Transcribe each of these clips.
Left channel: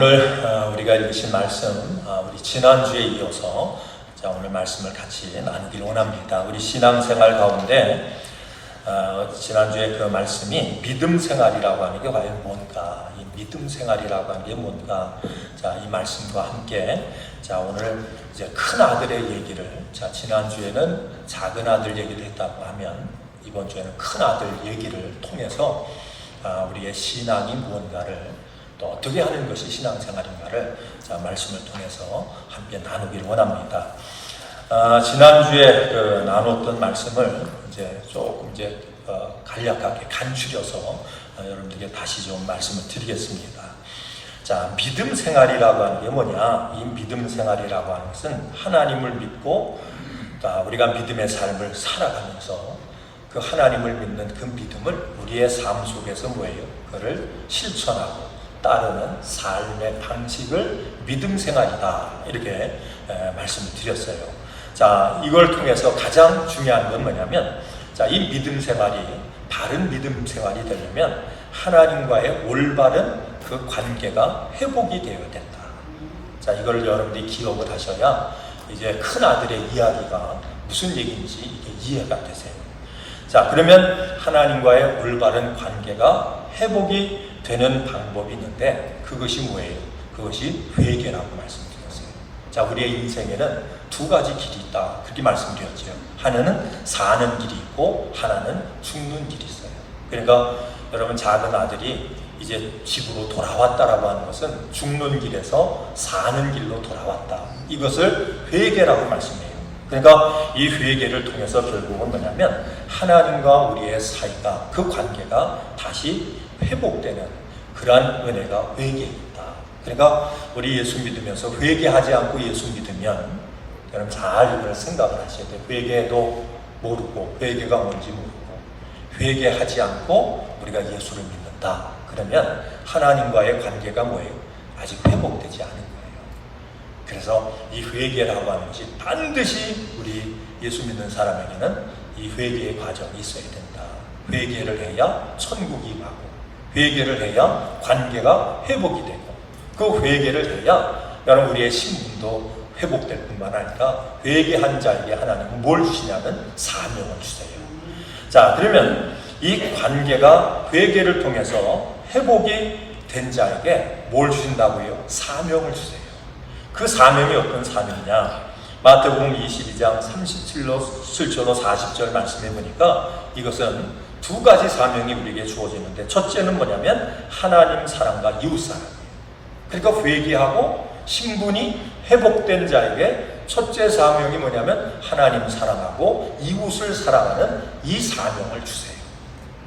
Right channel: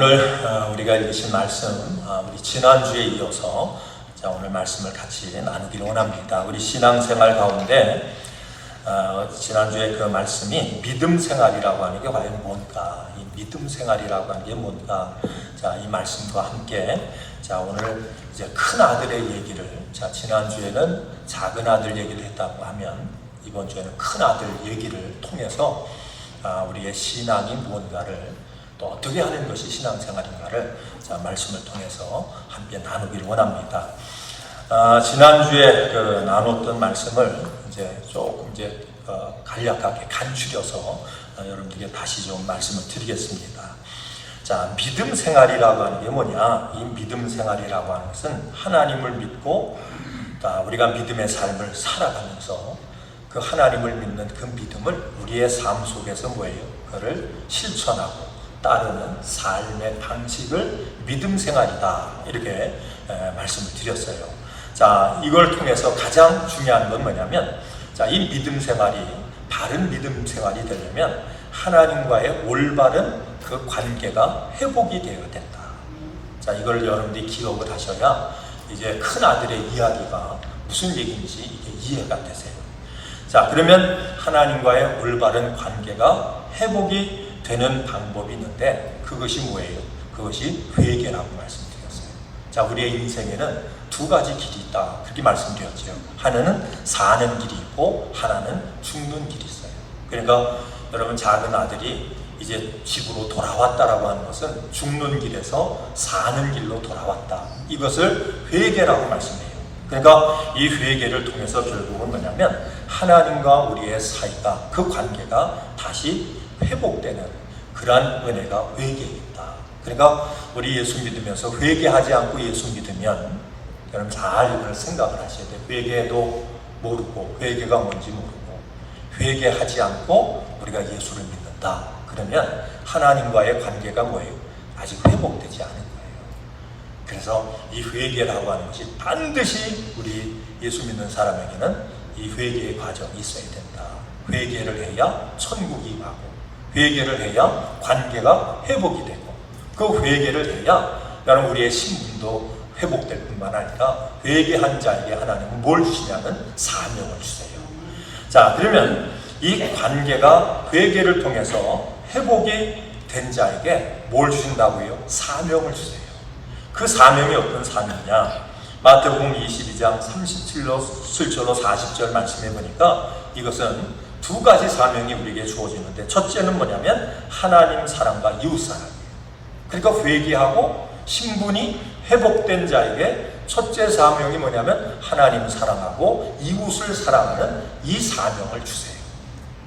오늘 우리가 읽으신 말씀, 우리 지난주에 이어서 오늘 말씀을 같이 나누길 원합니다. 우리 신앙생활 가운데 지난주에 그 말씀이 믿음 생활이라고 하는 게 과연 뭔가, 이 믿음 생활이라고 하는 게 뭔가, 이 말씀과 함께 오늘 이제 큰 아들의 얘기를, 지난주에는 작은 아들 얘기를 했다고 하면 이번 주에는 큰 아들 얘기를 통해서 우리의 신앙이 무언가를 또 어떻게 하는 것이 신앙생활인가를 말씀을 통해서 함께 나누길 원합니다. 지난주에 나눴던 말씀을 조금 간략하게 간추려서 여러분들에게 다시 좀 말씀을 드리겠습니다. 믿음 생활이라고 하는 게 뭐냐? 이 믿음 생활이라고 하는 것은 하나님을 믿고 우리가 믿음의 삶을 살아가면서 그 하나님을 믿는 그 믿음을 우리의 삶 속에서 그거를 실천하고 따르는 삶의 방식을 믿음 생활이다, 이렇게 말씀을 드렸어요. 이걸 통해서 가장 중요한 건 뭐냐면, 이 믿음 생활이 바른 믿음 생활이 되려면 하나님과의 올바른 그 관계가 회복이 되어야 된다. 이걸 여러분들이 기억을 하셔야 이제 큰 아들의 이야기가 무슨 얘기인지 이게 이해가 되세요. 그러면 하나님과의 올바른 관계가 회복이 되는 방법이 있는데, 그것이 뭐예요? 그것이 회개라고 말씀드렸어요. 우리의 인생에는 두 가지 길이 있다, 그렇게 말씀드렸죠. 하나는 사는 길이 있고 하나는 죽는 길이 있어요. 그러니까 여러분, 작은 아들이 이제 집으로 돌아왔다라고 하는 것은 죽는 길에서 사는 길로 돌아왔다, 이것을 회개라고 말씀해요. 그러니까 이 회개를 통해서 결국은 뭐냐면 하나님과 우리의 사이가, 그 관계가 다시 회복되는 그러한 은혜가 회개에 있다. 그러니까 우리 예수 믿으면서 회개하지 않고 예수 믿으면, 여러분 잘 이걸 생각을 하셔야 돼요. 회개도 모르고 회개가 뭔지 모르고 회개하지 않고 우리가 예수를 믿는다, 그러면 하나님과의 관계가 아직 회복되지 않은 거예요. 그래서 이 회개라고 하는 것이 반드시 우리 예수 믿는 사람에게는 이 회개의 과정이 있어야 된다. 회개를 해야 천국이 가고, 회개를 해야 관계가 회복이 되고, 그 회개를 해야 여러분 우리의 신분도 회복될 뿐만 아니라 회개한 자에게 하나님은 뭘 주시냐면 사명을 주세요. 그러면 이 관계가 회개를 통해서 회복이 된 자에게 뭘 주신다고요? 사명을 주세요. 그 사명이 어떤 사명이냐? 마태복음 22장 37절로 40절 말씀해 보니까 이것은 두 가지 사명이 우리에게 주어지는데, 첫째는 뭐냐면 하나님 사랑과 이웃 사랑. 그러니까 회개하고 신분이 회복된 자에게 첫째 사명이 뭐냐면 하나님을 사랑하고 이웃을 사랑하는 이 사명을 주세요.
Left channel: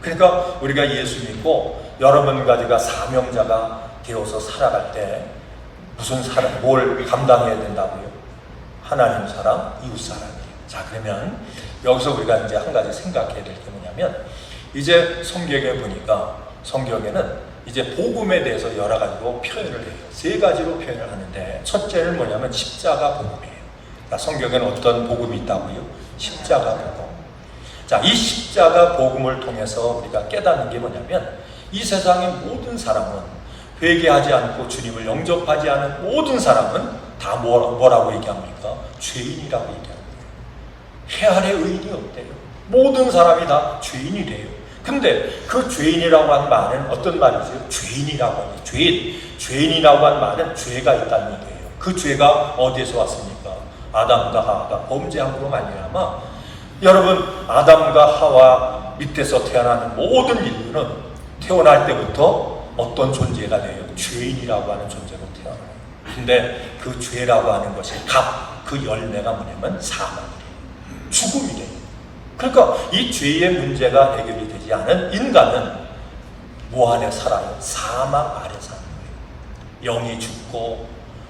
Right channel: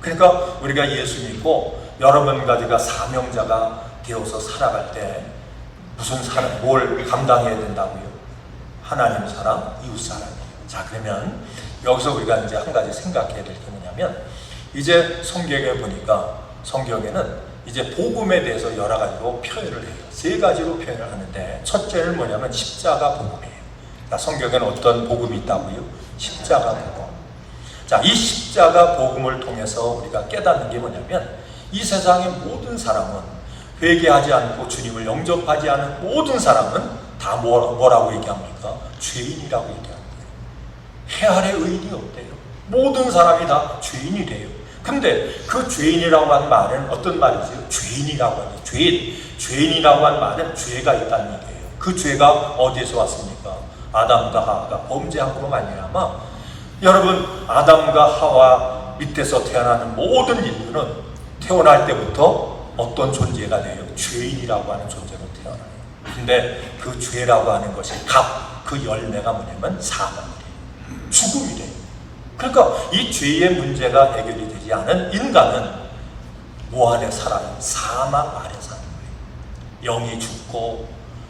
그러니까 우리가 예수 믿고 여러분과 내가 사명자가 되어서 살아갈 때 무슨 사랑, 뭘 감당해야 된다고요? 하나님 사랑, 이웃 사랑이에요. 그러면 여기서 우리가 이제 한 가지 생각해야 될 게 뭐냐면, 이제 성경에 보니까 성경에는 이제 복음에 대해서 여러 가지로 표현을 해요. 세 가지로 표현을 하는데, 첫째는 뭐냐면 십자가 복음이에요. 성경에는 어떤 복음이 있다고요? 십자가 복음. 이 십자가 복음을 통해서 우리가 깨닫는 게 뭐냐면, 이 세상의 모든 사람은, 회개하지 않고 주님을 영접하지 않은 모든 사람은 다 뭐라고 얘기합니까? 죄인이라고 얘기합니다. 해안의 의인이 없대요. 모든 사람이 다 죄인이 돼요. 근데 그 죄인이라고 하는 말은 어떤 말이죠? 죄인이라고 하는 죄인이라고 하는 말은 죄가 있다는 얘기예요. 그 죄가 어디에서 왔습니까? 아담과 하와가 범죄함으로 말미암아, 여러분 아담과 하와 밑에서 태어나는 모든 인류는 태어날 때부터 어떤 존재가 돼요? 죄인이라고 하는 존재가 돼요. 근데 그 죄라고 하는 것이 그 열매가 뭐냐면 사망이에요. 죽음이에요. 그러니까 이 죄의 문제가 해결이 되지 않은 인간은 뭐 안에 살아요? 사망 아래 사는 거예요. 영이 죽고,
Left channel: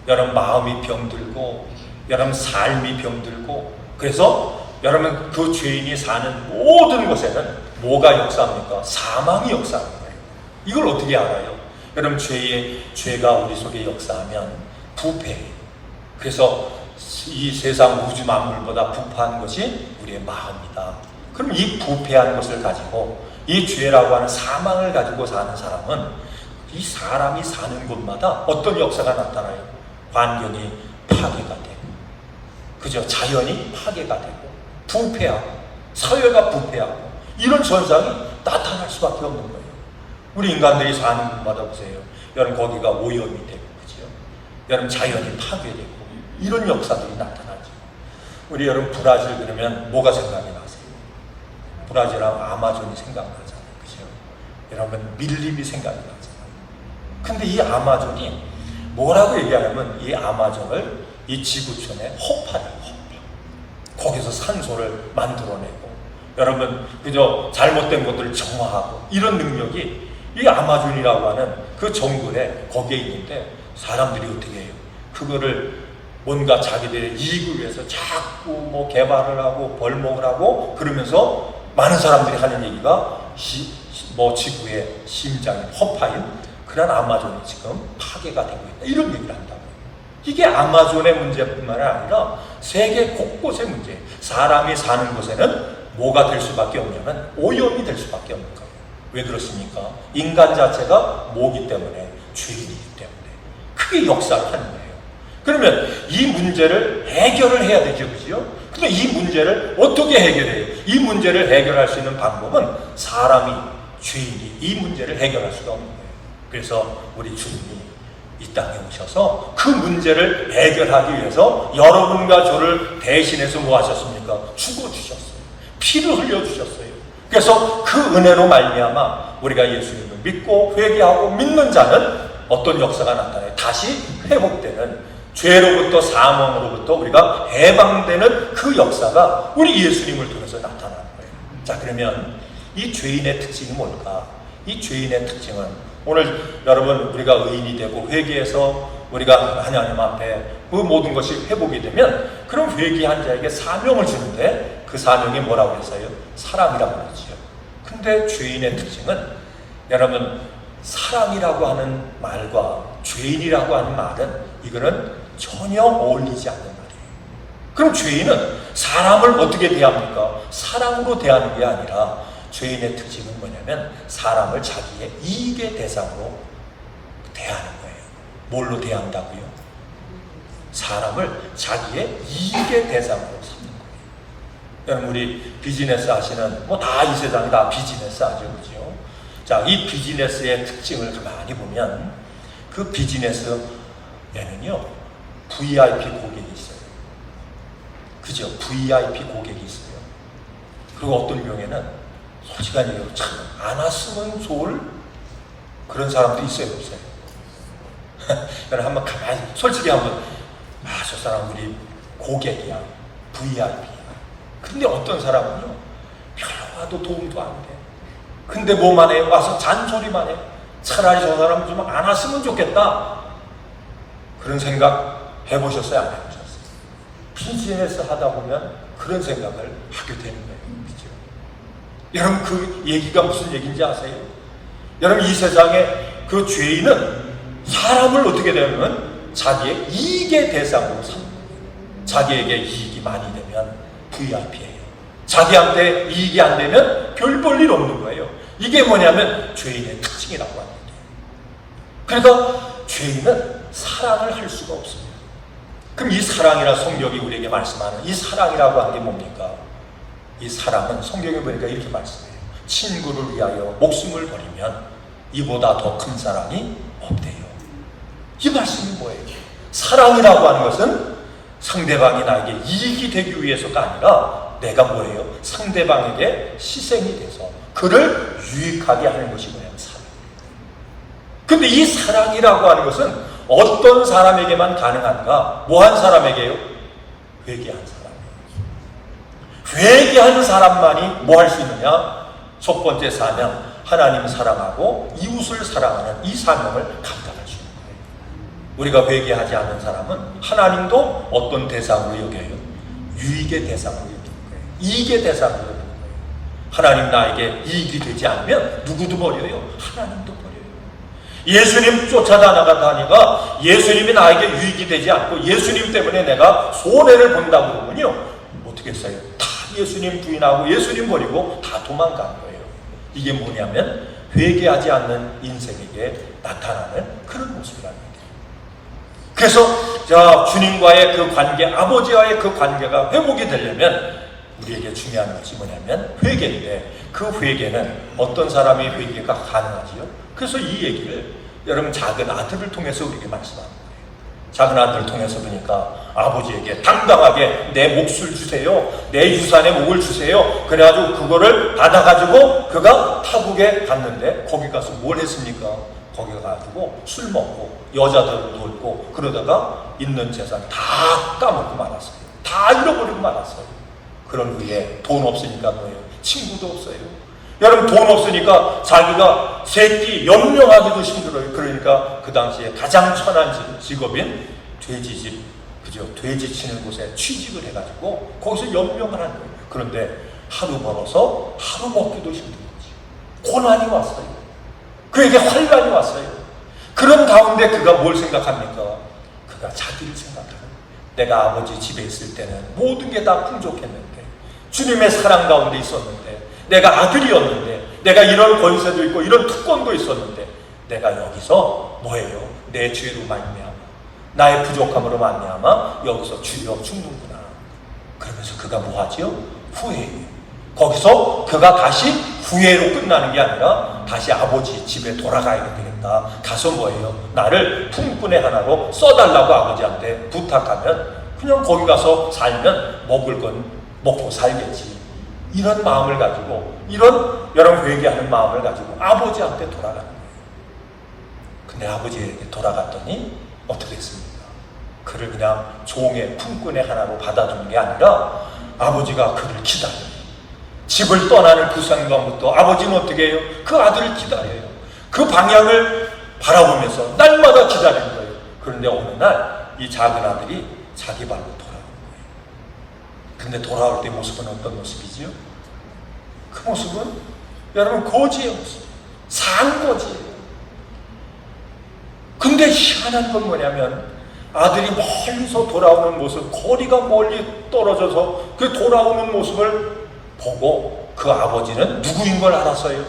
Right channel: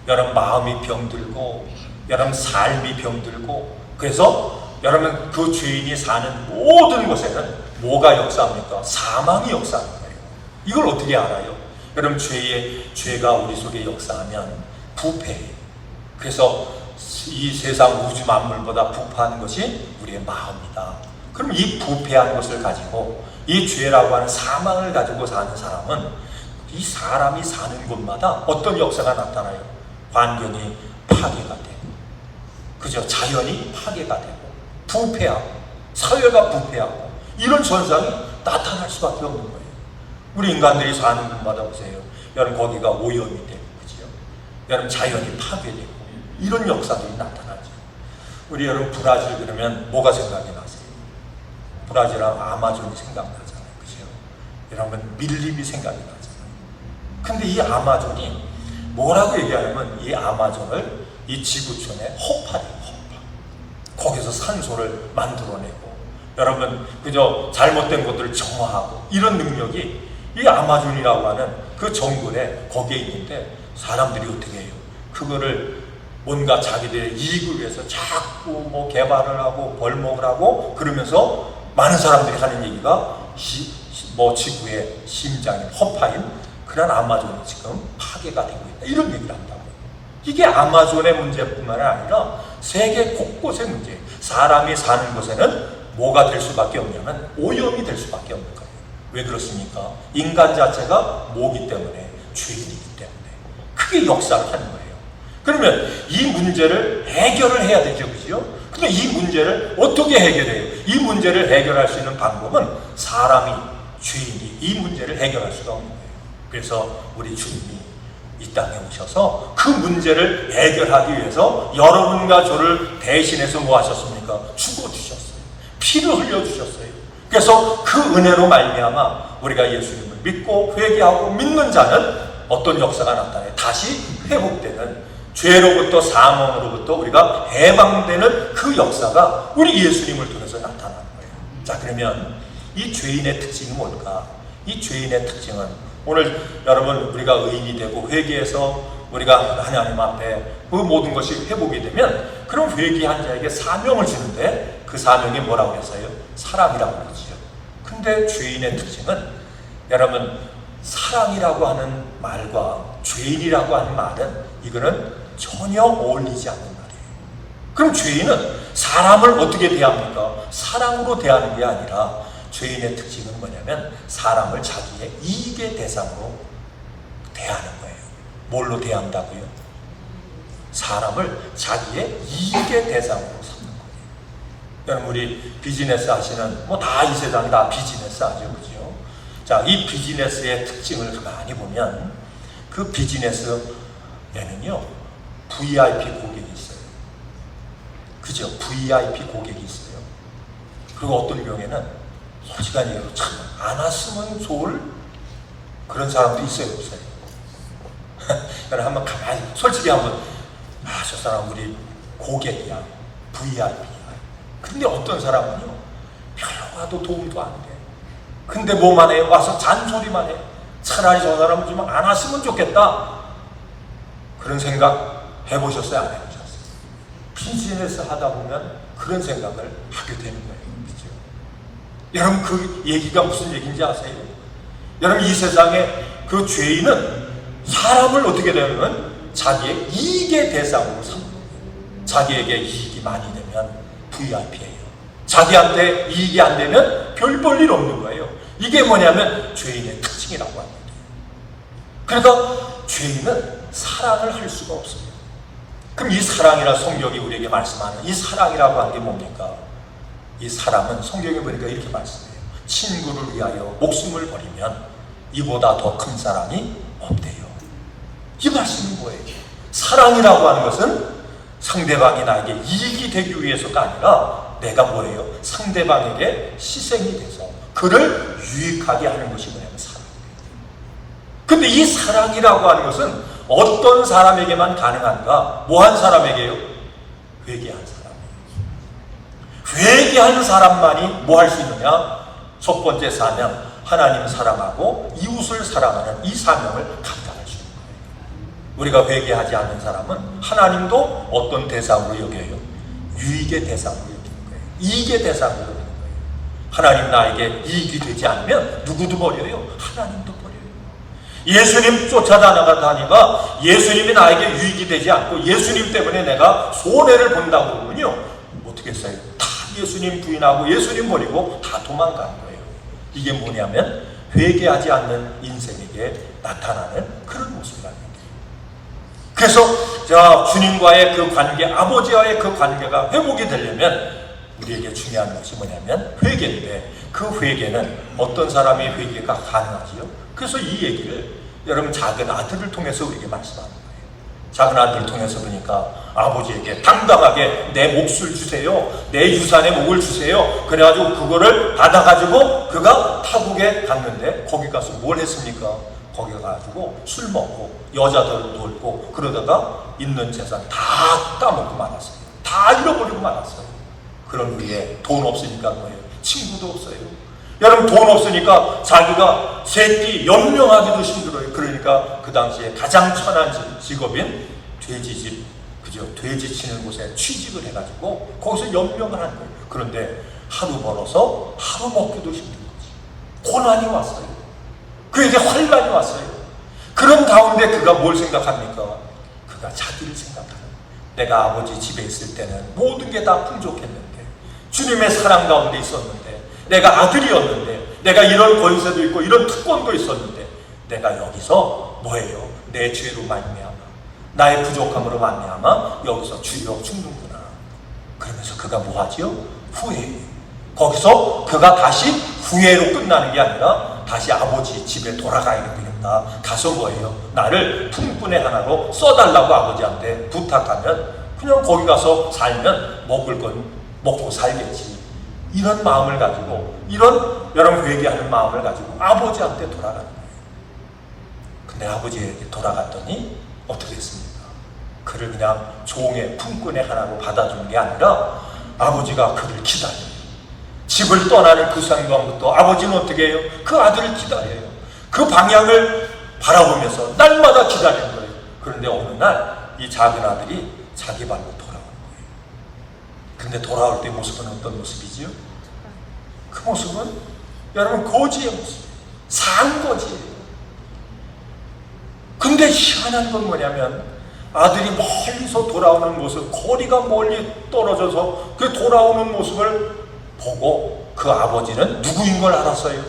여러분 마음이 병들고, 여러분 삶이 병들고, 그래서 여러분 그 죄인이 사는 모든 곳에는 뭐가 역사합니까? 사망이 역사합니다. 이걸 어떻게 알아요? 여러분 죄가 우리 속에 역사하면 부패해요. 그래서 이 세상 우주 만물보다 부패한 것이 우리의 마음이다. 그럼 이 부패한 것을 가지고 이 죄라고 하는 사망을 가지고 사는 사람은 이 사람이 사는 곳마다 어떤 역사가 나타나요? 환경이 파괴가 되고, 그죠? 자연이 파괴가 되고, 부패하고, 사회가 부패하고, 이런 현상이 나타날 수밖에 없는 거예요. 우리 인간들이 사는 곳마다 보세요. 여러분, 거기가 오염이 되고, 그죠? 여러분, 자연이 파괴되고, 이런 역사들이 나타나죠. 우리 여러분, 브라질 그러면 뭐가 생각이 나세요? 브라질하고 아마존이 생각나잖아요. 그죠? 여러분, 밀림이 생각이 나죠. 근데 이 아마존이 뭐라고 얘기하냐면, 이 아마존을 이 지구촌의 허파래요, 허파. 거기서 산소를 만들어내고, 여러분, 그저 잘못된 것들을 정화하고, 이런 능력이 이 아마존이라고 하는 그 정글에 거기에 있는데, 사람들이 어떻게 해요? 그거를 뭔가 자기들의 이익을 위해서 자꾸 뭐 개발을 하고 벌목을 하고 그러면서 많은 사람들이 하는 얘기가 뭐 지구의 심장인 허파인 그런 아마존이 지금 파괴가 되고 있다, 이런 얘기를 한다고요. 이게 아마존의 문제뿐만 아니라 세계 곳곳의 문제예요. 사람이 사는 곳에는 뭐가 될 수밖에 없냐면 오염이 될 수밖에 없는 거예요. 왜 그렇습니까? 인간 자체가 뭐기 때문에? 죄인이기 때문에. 그게 역사하는 거예요. 그러면 이 문제를 해결을 해야 되죠, 그죠? 근데 이 문제를 어떻게 해결해요? 이 문제를 해결할 수 있는 방법은 사람이, 죄인이 이 문제를 해결할 수가 없는 거예요. 그래서 우리 주님이 이 땅에 오셔서 그 문제를 해결하기 위해서 여러분과 저를 대신해서 뭐 하셨습니까? 죽어주셨어요. 피를 흘려주셨어요. 그래서 그 은혜로 말미암아 우리가 예수님을 믿고 회개하고 믿는 자는 어떤 역사가 나타나요? 다시 회복되는, 죄로부터 사망으로부터 우리가 해방되는 그 역사가 우리 예수님을 통해서 나타나는 거예요. 자, 그러면 이 죄인의 특징이 뭘까? 이 죄인의 특징은 오늘 여러분 우리가 의인이 되고 회개해서 우리가 하나님 앞에 그 모든 것이 회복이 되면 그럼 회개한 자에게 사명을 주는데 그 사명이 뭐라고 했어요? 사랑이라고 하죠. 근데 죄인의 특징은 여러분 사랑이라고 하는 말과 죄인이라고 하는 말은 이거는 전혀 어울리지 않는 말이에요. 그럼 죄인은 사람을 어떻게 대합니까? 사랑으로 대하는 게 아니라 죄인의 특징은 뭐냐면 사람을 자기의 이익의 대상으로 대하는 거예요. 뭘로 대한다고요? 사람을 자기의 이익의 대상으로 삼는 거예요. 여러분 우리 비즈니스 하시는 뭐 다 이 세상 다 비즈니스 하죠, 그죠? 자, 이 비즈니스의 특징을 가만히 보면 그 비즈니스에는요 VIP 고객이 있어요. 그죠? VIP 고객이 있어요. 그리고 어떤 경우에는 솔직한 얘기로 참 안 왔으면 좋을 그런 사람도 있어요, 없어요? 그래 한번 가만히 솔직히 한번 저 사람 우리 고객이야, VIP야. 근데 어떤 사람은요 별로 와도 도움도 안 돼. 근데 뭐만 해요? 와서 잔소리만 해요. 차라리 저 사람 좀 안 왔으면 좋겠다. 그런 생각 해보셨어요? 안 해보셨어요? 비즈니스 하다 보면 그런 생각을 하게 되는 거예요. 그죠? 여러분 그 얘기가 무슨 얘기인지 아세요? 여러분 이 세상에 그 죄인은 사람을 어떻게 되면 자기의 이익의 대상으로 삼는 거예요. 자기에게 이익이 많이 되면 VIP예요. 자기한테 이익이 안 되면 별 볼 일 없는 거예요. 이게 뭐냐면 죄인의 특징이라고 합니다. 그러니까 죄인은 사랑을 할 수가 없습니다. 그럼 이 사랑이라 성경이 우리에게 말씀하는 이 사랑이라고 하는 게 뭡니까? 이 사랑은 성경에 보니까 이렇게 말씀해요. 친구를 위하여 목숨을 버리면 이보다 더 큰 사랑이 없대요. 이 말씀이 뭐예요? 사랑이라고 하는 것은 상대방이 나에게 이익이 되기 위해서가 아니라 내가 뭐예요? 상대방에게 희생이 돼서 그를 유익하게 하는 것이 뭐예요? 사랑. 근데 이 사랑이라고 하는 것은 어떤 사람에게만 가능한가? 뭐 한 사람에게요? 회개한 사람. 회개하는 사람만이 뭐 할 수 있느냐? 첫 번째 사명, 하나님 사랑하고 이웃을 사랑하는 이 사명을 감당할 수 있는 거예요. 우리가 회개하지 않는 사람은 하나님도 어떤 대상으로 여겨요? 유익의 대상으로 여기는 거예요. 이익의 대상으로 여기는 거예요. 하나님 나에게 이익이 되지 않으면 누구도 버려요? 하나님도 버려요. 예수님 쫓아다니가 예수님이 나에게 유익이 되지 않고 예수님 때문에 내가 손해를 본다고 그러면요 어떻게 했어요? 다 예수님 부인하고 예수님 버리고 다 도망가는 거예요. 이게 뭐냐면 회개하지 않는 인생에게 나타나는 그런 모습이라는 거예요. 그래서 주님과의 그 관계, 아버지와의 그 관계가 회복이 되려면 우리에게 중요한 것이 뭐냐면 회개인데, 그 회개는 어떤 사람의 회개가 가능하지요? 그래서 이 얘기를 여러분 작은 아들을 통해서 우리에게 말씀합니다. 작은 아들을 통해서 보니까 아버지에게 당당하게 내 몫을 주세요, 내 유산의 몫을 주세요. 그래가지고 그거를 받아가지고 그가 타국에 갔는데 거기 가서 뭘 했습니까? 거기 가가지고 술 먹고 여자들도 놀고 그러다가 있는 재산 다 까먹고 말았어요. 다 잃어버리고 말았어요. 그런 후에 돈 없으니까 뭐예요? 친구도 없어요. 여러분 돈 없으니까 자기가 새끼 연명하기도 힘들어요. 그러니까 그 당시에 가장 천한 직업인 돼지집, 그죠? 돼지 치는 곳에 취직을 해가지고 거기서 연명을 하는 거예요. 그런데 하루 벌어서 하루 먹기도 힘든 거지. 고난이 왔어요. 그에게 환란이 왔어요. 그런 가운데 그가 뭘 생각합니까? 그가 자기를 생각해요. 내가 아버지 집에 있을 때는 모든 게 다 풍족했는데, 주님의 사랑 가운데 있었는데, 내가 아들이었는데, 내가 이런 권세도 있고 이런 특권도 있었는데, 내가 여기서 뭐예요? 내 죄로 말미암아, 나의 부족함으로 말미암아 여기서 주여 죽는구나. 그러면서 그가 뭐하지요? 후회해요. 거기서 그가 다시 후회로 끝나는 게 아니라 다시 아버지 집에 돌아가야 되니까 가서 뭐예요? 나를 품꾼의 하나로 써달라고 아버지한테 부탁하면 그냥 거기 가서 살면 먹을 건 먹고 살겠지. 이런 마음을 가지고, 이런 여러분 회개하는 마음을 가지고 아버지한테 돌아가는 거예요. 근데 아버지에게 돌아갔더니 어떻게 했습니까? 그를 그냥 종의 품꾼의 하나로 받아주는 게 아니라 아버지가 그를 기다려요. 집을 떠나는 그 순간부터 아버지는 어떻게 해요? 그 아들을 기다려요. 그 방향을 바라보면서 날마다 기다리는 거예요. 그런데 어느 날 이 작은 아들이 자기 발로 돌아온 거예요. 근데 돌아올 때 모습은 어떤 모습이지요? 그 모습은 여러분 거지의 모습, 상거지예요. 근데 희한한 건 뭐냐면 아들이 멀리서 돌아오는 모습, 거리가 멀리 떨어져서 그 돌아오는 모습을 보고 그 아버지는 누구인 걸 알았어요?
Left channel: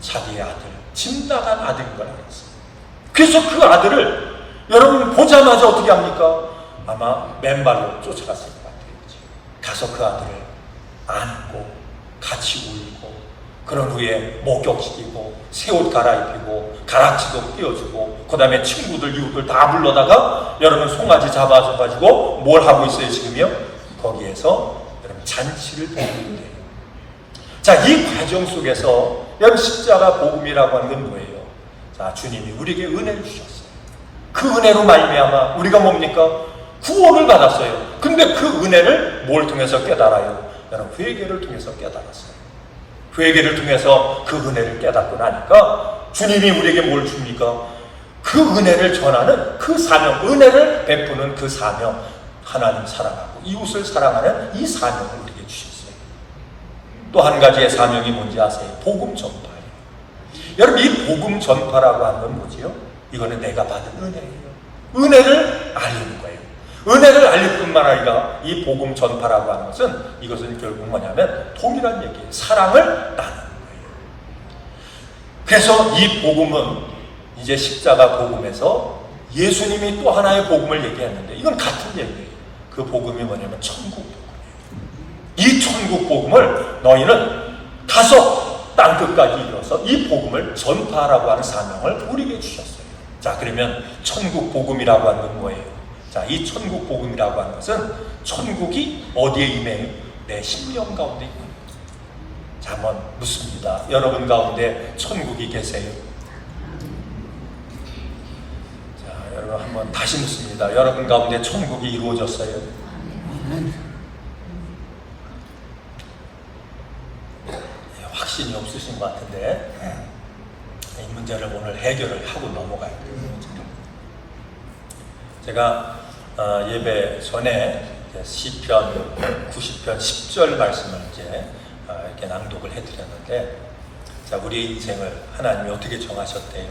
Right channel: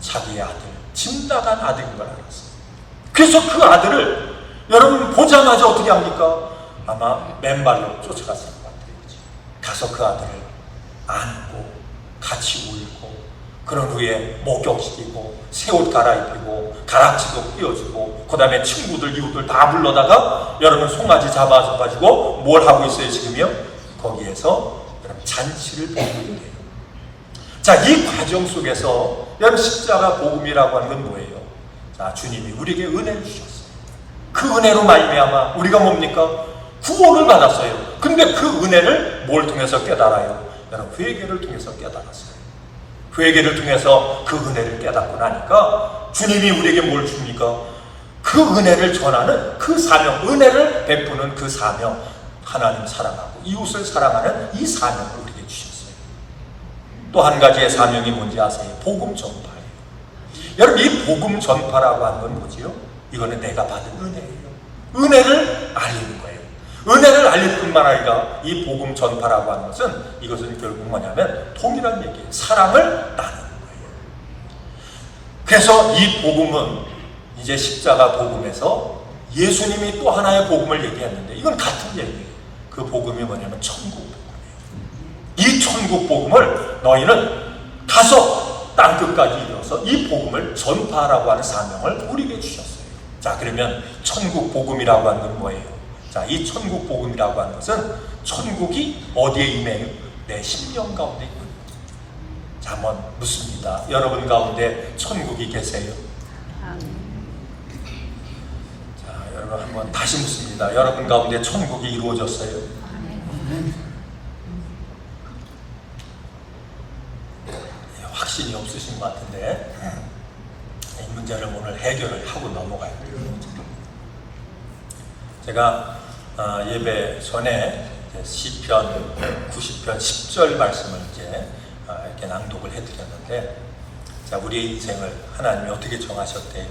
자기의 아들, 짐 나간 아들인 걸 알았어요. 그래서 그 아들을 여러분 보자마자 어떻게 합니까? 아마 맨발로 쫓아갔을 것 같아요. 가서 그 아들을 안고 같이 울고, 그런 후에 목욕시키고 새 옷 갈아입히고 가락지도 띄워주고, 그 다음에 친구들 이웃들 다 불러다가 여러분 송아지 잡아가지고 뭘 하고 있어요 지금요? 거기에서 여러분 잔치를 벌이고 있는 거예요. 자, 이 과정 속에서 여러분 십자가 복음이라고 하는 건 뭐예요? 자, 주님이 우리에게 은혜를 주셨어요. 그 은혜로 말미암아 우리가 뭡니까? 구원을 받았어요. 근데 그 은혜를 뭘 통해서 깨달아요? 여러분 회개를 통해서 깨달았어요. 회개를 통해서 그 은혜를 깨닫고 나니까 주님이 우리에게 뭘 줍니까? 그 은혜를 전하는 그 사명, 은혜를 베푸는 그 사명, 하나님 사랑하고 이웃을 사랑하는 이 사명을 우리에게 주셨어요. 또 한 가지의 사명이 뭔지 아세요? 복음 전파. 여러분 이 복음 전파라고 하는 건 뭐지요? 이거는 내가 받은 은혜예요. 은혜를 알리는 거예요. 은혜를 알릴 뿐만 아니라 이 복음 전파라고 하는 것은, 이것은 결국 뭐냐면 통일한 얘기예요. 사랑을 나누는 거예요. 그래서 이 복음은 이제 십자가 복음에서 예수님이 또 하나의 복음을 얘기하는데 이건 같은 얘기예요. 그 복음이 뭐냐면 천국. 이 천국 복음을 너희는 가서 땅끝까지 이뤄서 이 복음을 전파하라고 하는 사명을 우리에게 주셨어요. 자, 그러면 천국 복음이라고 하는 건 뭐예요? 자, 이 천국 복음이라고 하는 것은 천국이 어디에 있나요? 내 심령 가운데 있는 거예요. 자, 한번 묻습니다. 여러분 가운데 천국이 계세요? 자, 여러분 한번 다시 묻습니다. 여러분 가운데 천국이 이루어졌어요? 확신이 없으신 것 같은데 이 문제를 오늘 해결을 하고 넘어갈 거예요. 제가 예배 전에 시편 90편 10절 말씀을 이제 이렇게 낭독을 해드렸는데, 자, 우리 인생을 하나님이 어떻게 정하셨대요?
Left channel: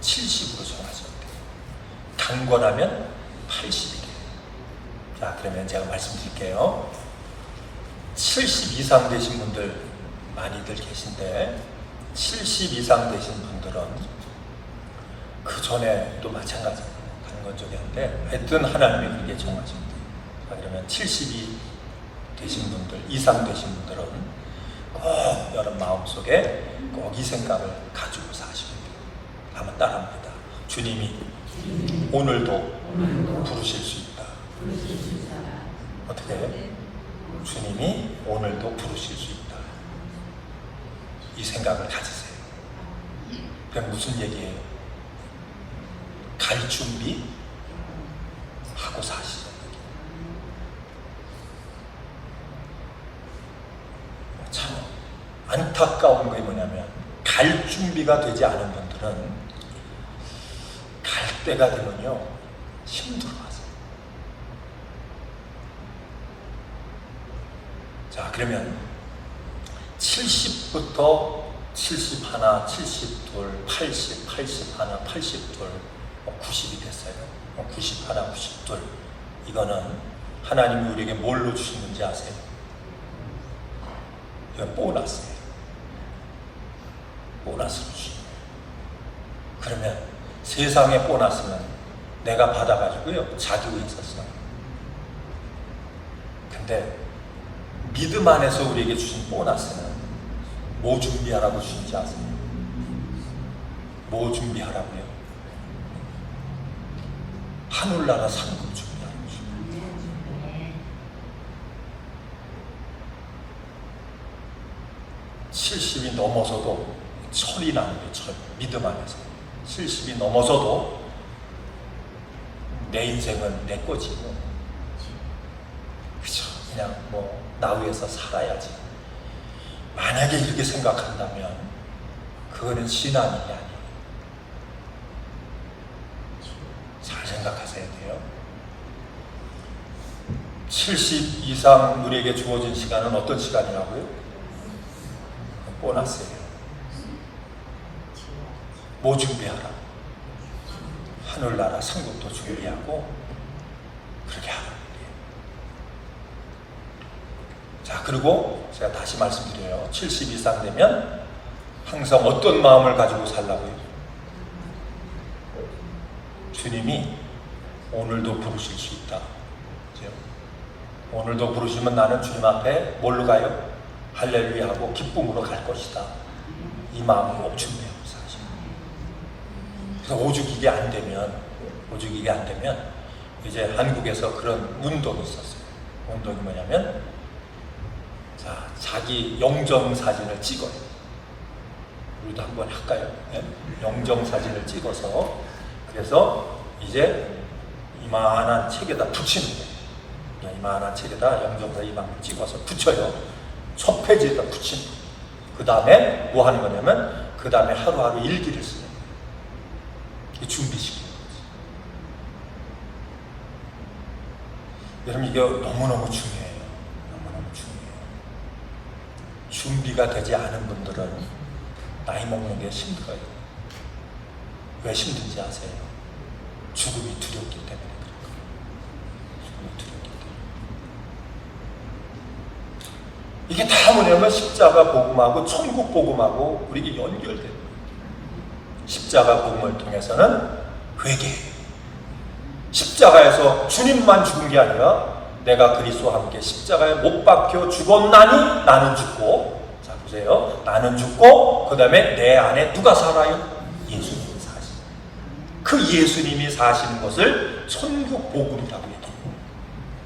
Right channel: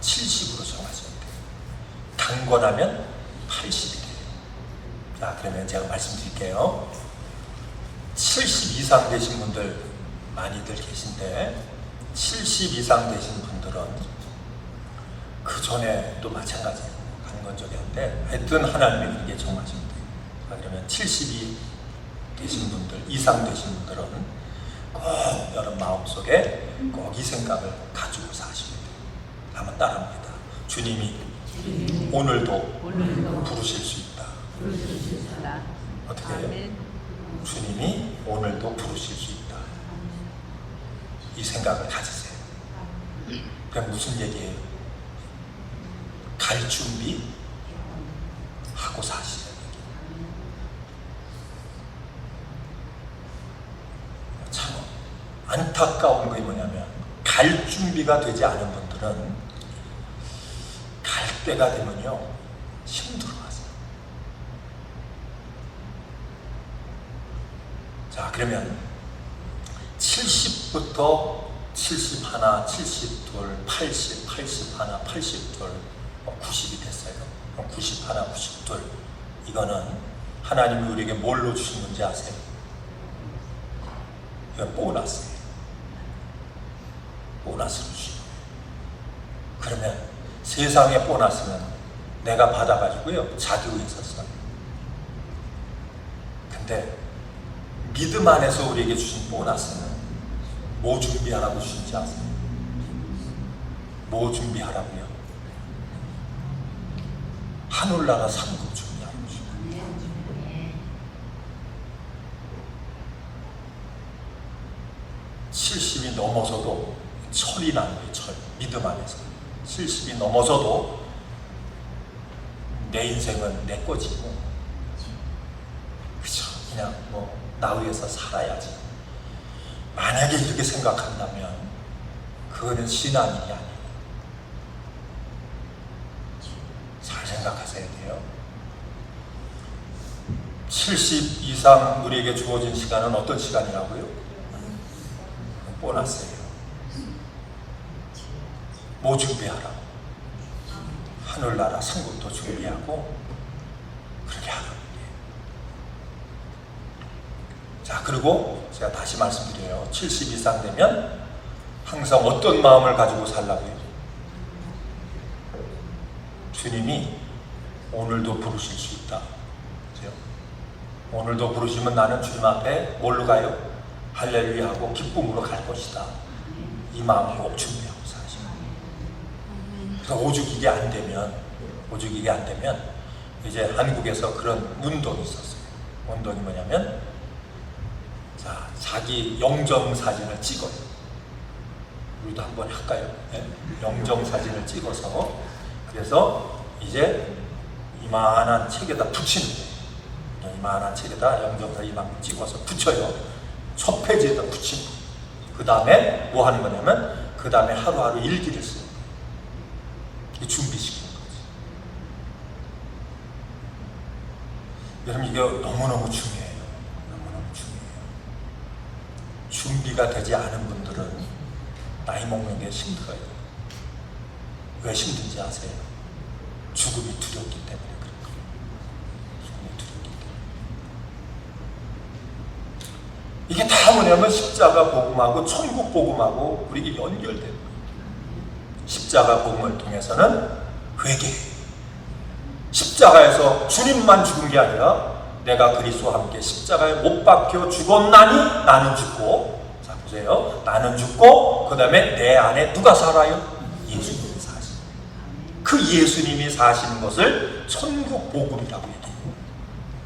70으로 정하셨대요. 강건하면 80이래요. 자, 그러면 제가 말씀드릴게요. 70 이상 되신 분들 많이들 계신데 70 이상 되신 분들은 그 전에도 마찬가지로 한 적이 있는데 하여튼 하나님이 그렇게 정하십니다. 그러면 70이 되신 분들, 이상 되신 분들은 꼭 여러분 마음속에 꼭 이 생각을 가지고 사십니다. 한번 따라합니다. 주님이 오늘도 부르실 수 있다. 어떻게 해요? 주님이 오늘도 부르실 수 있다. 이 생각을 가지세요. 그럼 무슨 얘기예요? 갈 준비 하고 사시죠. 참 안타까운 게 뭐냐면 갈 준비가 되지 않은 분들은 갈 때가 되면요 힘들어요. 자, 그러면 70부터 71, 72, 80, 81, 82, 90이 됐어요. 91, 92. 이거는 하나님이 우리에게 뭘로 주신 건지 아세요? 이건 보너스입니다. 보너스로 주신 거예요. 그러면 세상의 보너스는 내가 받아가지고요 자기로 있었어요. 근데 믿음 안에서 우리에게 주신 보너스는 뭐 준비하라고 주신지 아세요? 뭐 준비하라고요? 하늘나라 상급 준비하라고 주십니다. 70이 넘어서도 철이 나는 게 철. 믿음 안에서 70이 넘어서도 내 인생은 내 거지. 그죠? 그냥 뭐 나위에서 살아야지. 만약에 이렇게 생각한다면 그거는 신앙이 아니에요. 잘 생각하셔야 돼요. 70 이상 우리에게 주어진 시간은 어떤 시간이라고요? 보너스예요. 뭐 준비하라? 하늘나라 상급도 준비하고 그렇게 하라고. 자, 그리고 제가 다시 말씀드려요. 70 이상 되면 항상 어떤 마음을 가지고 살라고요? 주님이 오늘도 부르실 수 있다. 오늘도 부르시면 나는 주님 앞에 뭘로 가요? 할렐루야 하고 기쁨으로 갈 것이다. 이 마음을 꼭 준비하고 사시는 거예요. 그래서 오죽 이게 안 되면 이제 한국에서 그런 운동이 있었어요. 운동이 뭐냐면 자기 영정사진을 찍어. 우리도 한번 할까요? 영정사진을 찍어서 그래서 이제 이만한 책에다 붙이는 거예요. 이만한 책에다 영정사진 이만큼 찍어서 붙여요. 첫 페이지에다 붙이는 거예요. 그 다음에 뭐 하는 거냐면 그 다음에 하루하루 일기를 써요. 준비시키는 거죠. 여러분 이게 너무너무 중요해요. 준비가 되지 않은 분들은 나이 먹는 게 힘들어요. 왜 힘든지 아세요? 죽음이 두렵기 때문에 그래요. 죽음이 두렵기 때문에. 이게 다 뭐냐면 십자가 복음하고 천국 복음하고 우리에게 연결돼요. 십자가 복음을 통해서는 회개해요. 십자가에서 주님만 죽은 게 아니라 내가 그리스도와 함께 십자가에 못 박혀 죽었나니 나는 죽고, 자 보세요, 나는 죽고 그 다음에 내 안에 누가 살아요? 예수님이 사시는. 그 예수님이 사시는 것을 천국 복음이라고 얘기해요.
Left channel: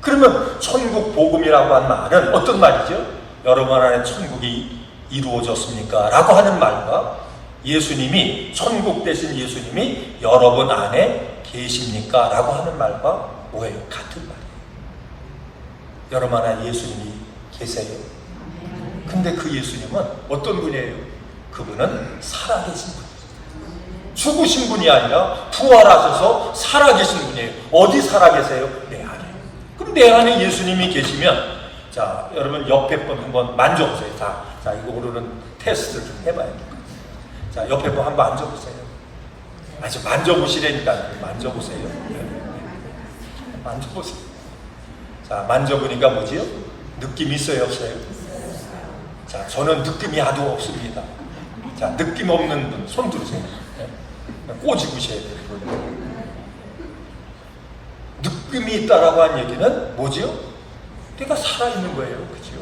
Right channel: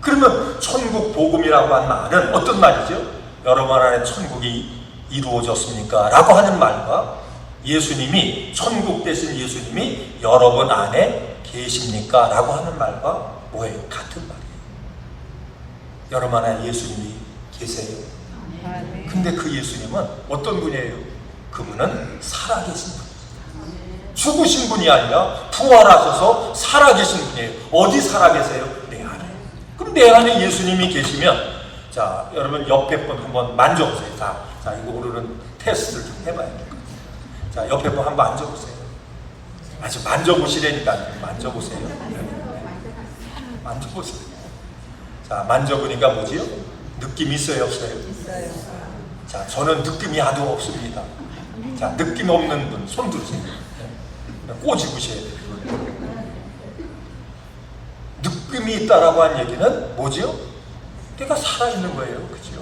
그러면 천국 복음이라고 하는 말은 어떤 말이죠? 여러분 안에 천국이 이루어졌습니까? 라고 하는 말과 예수님이 천국 대신 예수님이 여러분 안에 계십니까? 라고 하는 말과 뭐예요? 같은 말이에요. 여러분 안에 예수님이 계세요. 근데 그 예수님은 어떤 분이에요? 그분은 살아계신 분이에요. 죽으신 분이 아니라 부활하셔서 살아계신 분이에요. 어디 살아계세요? 내 안에. 그럼 내 안에 예수님이 계시면, 자 여러분 옆에 분 한번 만져보세요. 자 이거 우리는 테스트 좀 해봐야 될까요? 자 옆에 분 한번 앉아보세요. 아주 만져보시라니까. 만져보세요. 만져보세요. 자, 만져보니까 뭐지? 느낌이 있어요, 없어요? 자, 저는 느낌이 아주 없습니다. 자, 느낌 없는 분, 손 들으세요. 꼬집으셔야 돼요. 느낌이 있다라고 한 얘기는 뭐지요? 내가 살아있는 거예요. 그죠?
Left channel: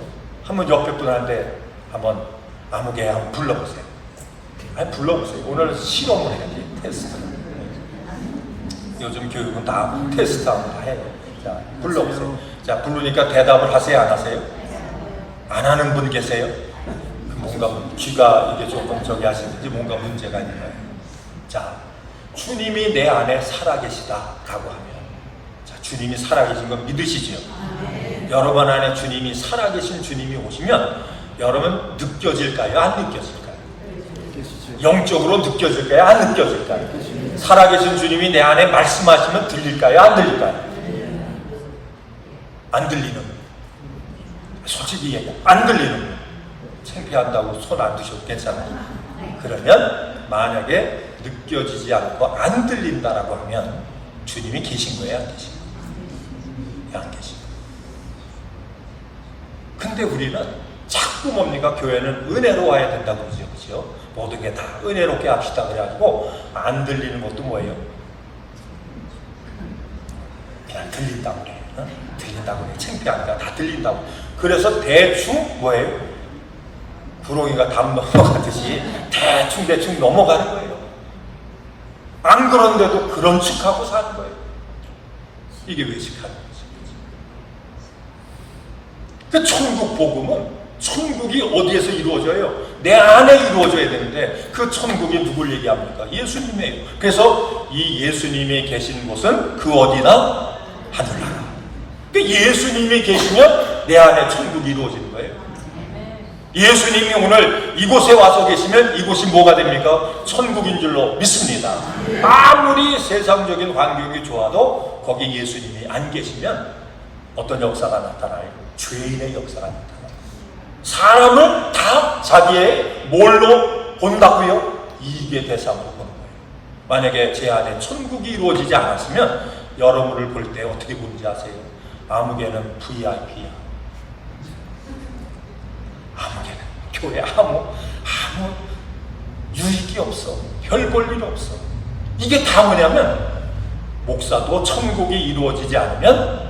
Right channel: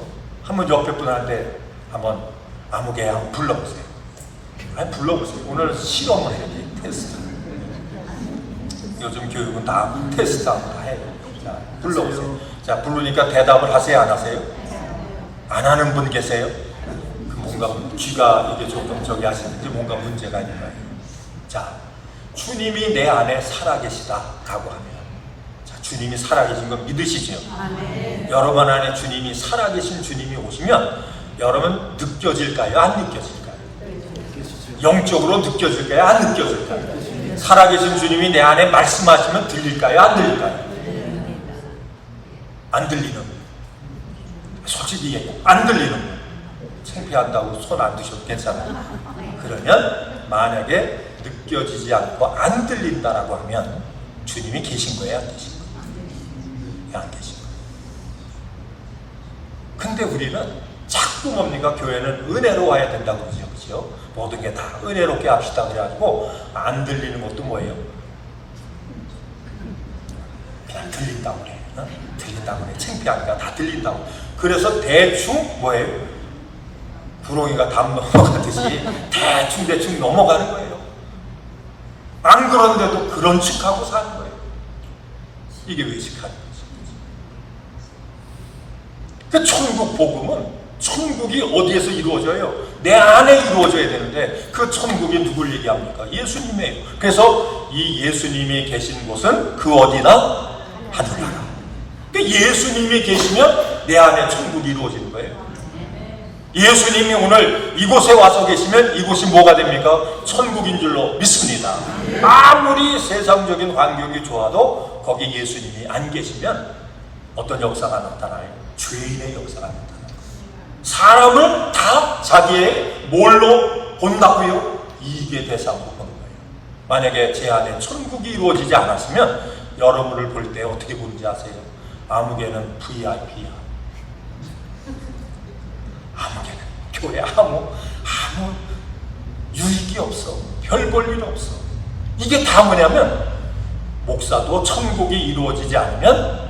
한번 옆에 분한테 한번 아무개 한번 불러보세요. 아니, 불러보세요. 오늘 실험을 해야 돼요. 테스트. 요즘 교육은 다 테스트 한번 해요. 자, 불러보세요. 자, 부르니까 대답을 하세요? 안 하세요? 안 하는 분 계세요? 뭔가 귀가 이게 조금 저기 하시는지 뭔가 문제가 있는 거예요. 자, 주님이 내 안에 살아계시다라고 하면, 자, 주님이 살아계신 거 믿으시죠? 여러분 안에 주님이 살아계신 주님이 오시면 여러분 느껴질까요? 안 느껴질까요? 영적으로 느껴질까요? 안 느껴질까요? 살아계신 주님이 내 안에 말씀하시면 들릴까요? 안 들릴까요? 안 들리는, 솔직히 얘기해, 안 들리는, 창피한다고 손 안 드셔도 괜찮아요. 그러면 만약에 느껴지지 않고 안 들린다라고 하면 주님이 계신 거예요, 안 계신 거예요? 안 계신 거예요. 근데 우리는 자꾸 뭡니까? 교회는 은혜로 와야 된다고 그러죠. 그죠? 모든 게 다 은혜롭게 합시다 그래가지고 안 들리는 것도 뭐예요? 그냥 들린다고 그래요. 들린다고, 창피하니까 다 들린다고. 그래서 대충 뭐예요? 구렁이가 담 넘어가듯이 대충 넘어가는 거예요. 안 그런데도 그런 척하고 사는 거예요. 이게 외식하는 거지. 그 천국 복음은 천국이 어디에서 이루어져요? 내 안에 이루어져야 되는데 그 천국이 누굴 얘기합니까? 예수님이에요. 그래서 이 예수님이 계신 곳은 그 어디나 하늘나라. 예수님이 계시면 내 안에 천국이 이루어지는 거예요. 예수님이 오늘 이곳에 와서 계시면 이곳이 뭐가 됩니까? 천국인 줄로 믿습니다. 아무리 세상적인 환경이 좋아도 거기 예수님이 안 계시면 어떤 역사가 나타나요? 죄인의 역사가 나타나요. 사람을 다 자기의 뭘로 본다고요? 이익의 대상으로 보는 거예요. 만약에 제 안에 천국이 이루어지지 않았으면 여러분을 볼 때 어떻게 보는지 아세요? 아무개는 VIP, 아무개는 교회 아무 유익이 없어. 별 볼 일 없어. 이게 다 뭐냐면 목사도 천국이 이루어지지 않으면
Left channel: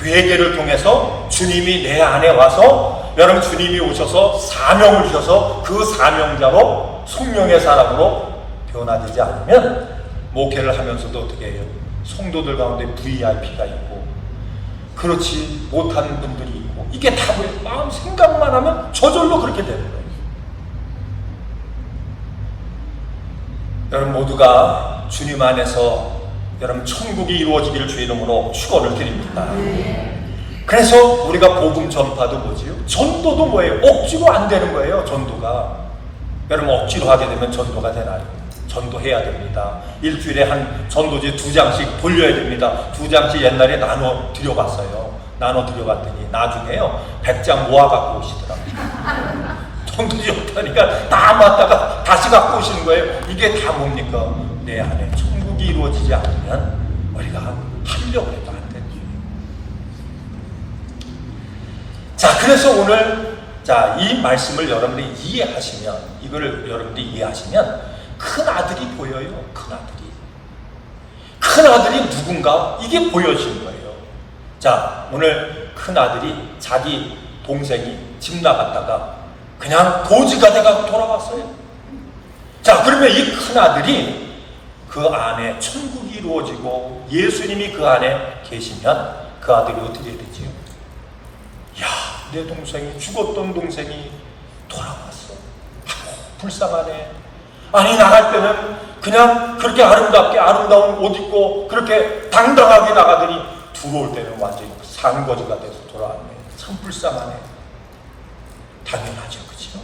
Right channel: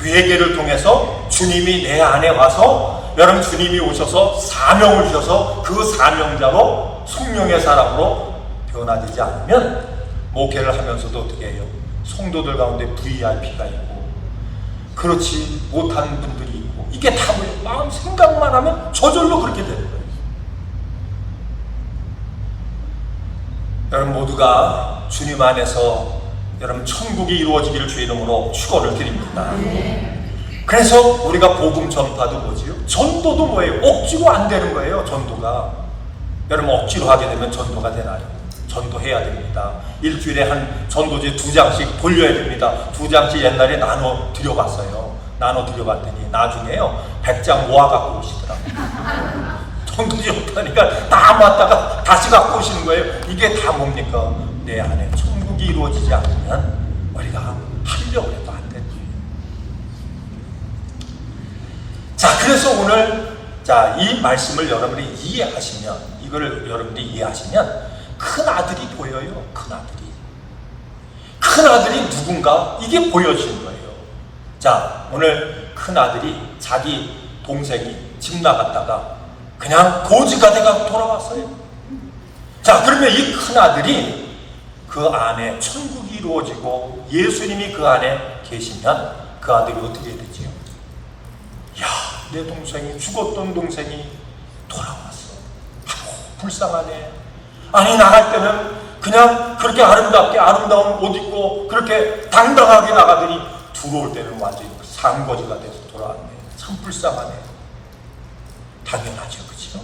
회개를 통해서 주님이 내 안에 와서 여러분 주님이 오셔서 사명을 주셔서 그 사명자로 성령의 사람으로 변화되지 않으면 목회를 하면서도 어떻게 해요? 성도들 가운데 VIP가 있고 그렇지 못하는 분들이 있고 이게 다 마음 생각만 하면 저절로 그렇게 돼요. 여러분 모두가 주님 안에서 여러분 천국이 이루어지기를 주의 이름으로 축원을 드립니다. 그래서 우리가 복음 전파도 뭐지요? 전도도 뭐예요? 억지로 안 되는 거예요. 전도가. 여러분 억지로 하게 되면 전도가 되나요? 전도해야 됩니다. 일주일에 한 전도지 2장씩 돌려야 됩니다. 2장씩 옛날에 나눠 드려봤어요. 나눠 드려봤더니 나중에요 100장 모아갖고 오시더라고요. 전도지 없다니까 다 맞다가 다시 갖고 오시는 거예요. 이게 다 뭡니까? 내 안에 천국이 이루어지지 않으면 우리가 하려고 해도 안 됩니다. 자, 그래서 오늘 이 말씀을 여러분들이 이해하시면 이거를 여러분들이 이해하시면 큰 아들이 보여요. 큰 아들이 누군가 이게 보여지는 거예요. 자, 오늘 큰 아들이 자기 동생이 집 나갔다가 그냥 도지가 돼가고 돌아왔어요. 자, 그러면 이 큰 아들이 그 안에 천국이 이루어지고 예수님이 그 안에 계시면 그 아들이 어떻게 되죠? 야, 내 동생이 죽었던 동생이 돌아왔어. 불쌍하네. 아니 나갈 거는 그냥 그렇게 아름다운 옷 입고 그렇게 당당하게 나가더니 들어올 때는 완전히 산거지가 돼서 돌아가네. 참 불쌍하네. 당연하죠, 그렇죠?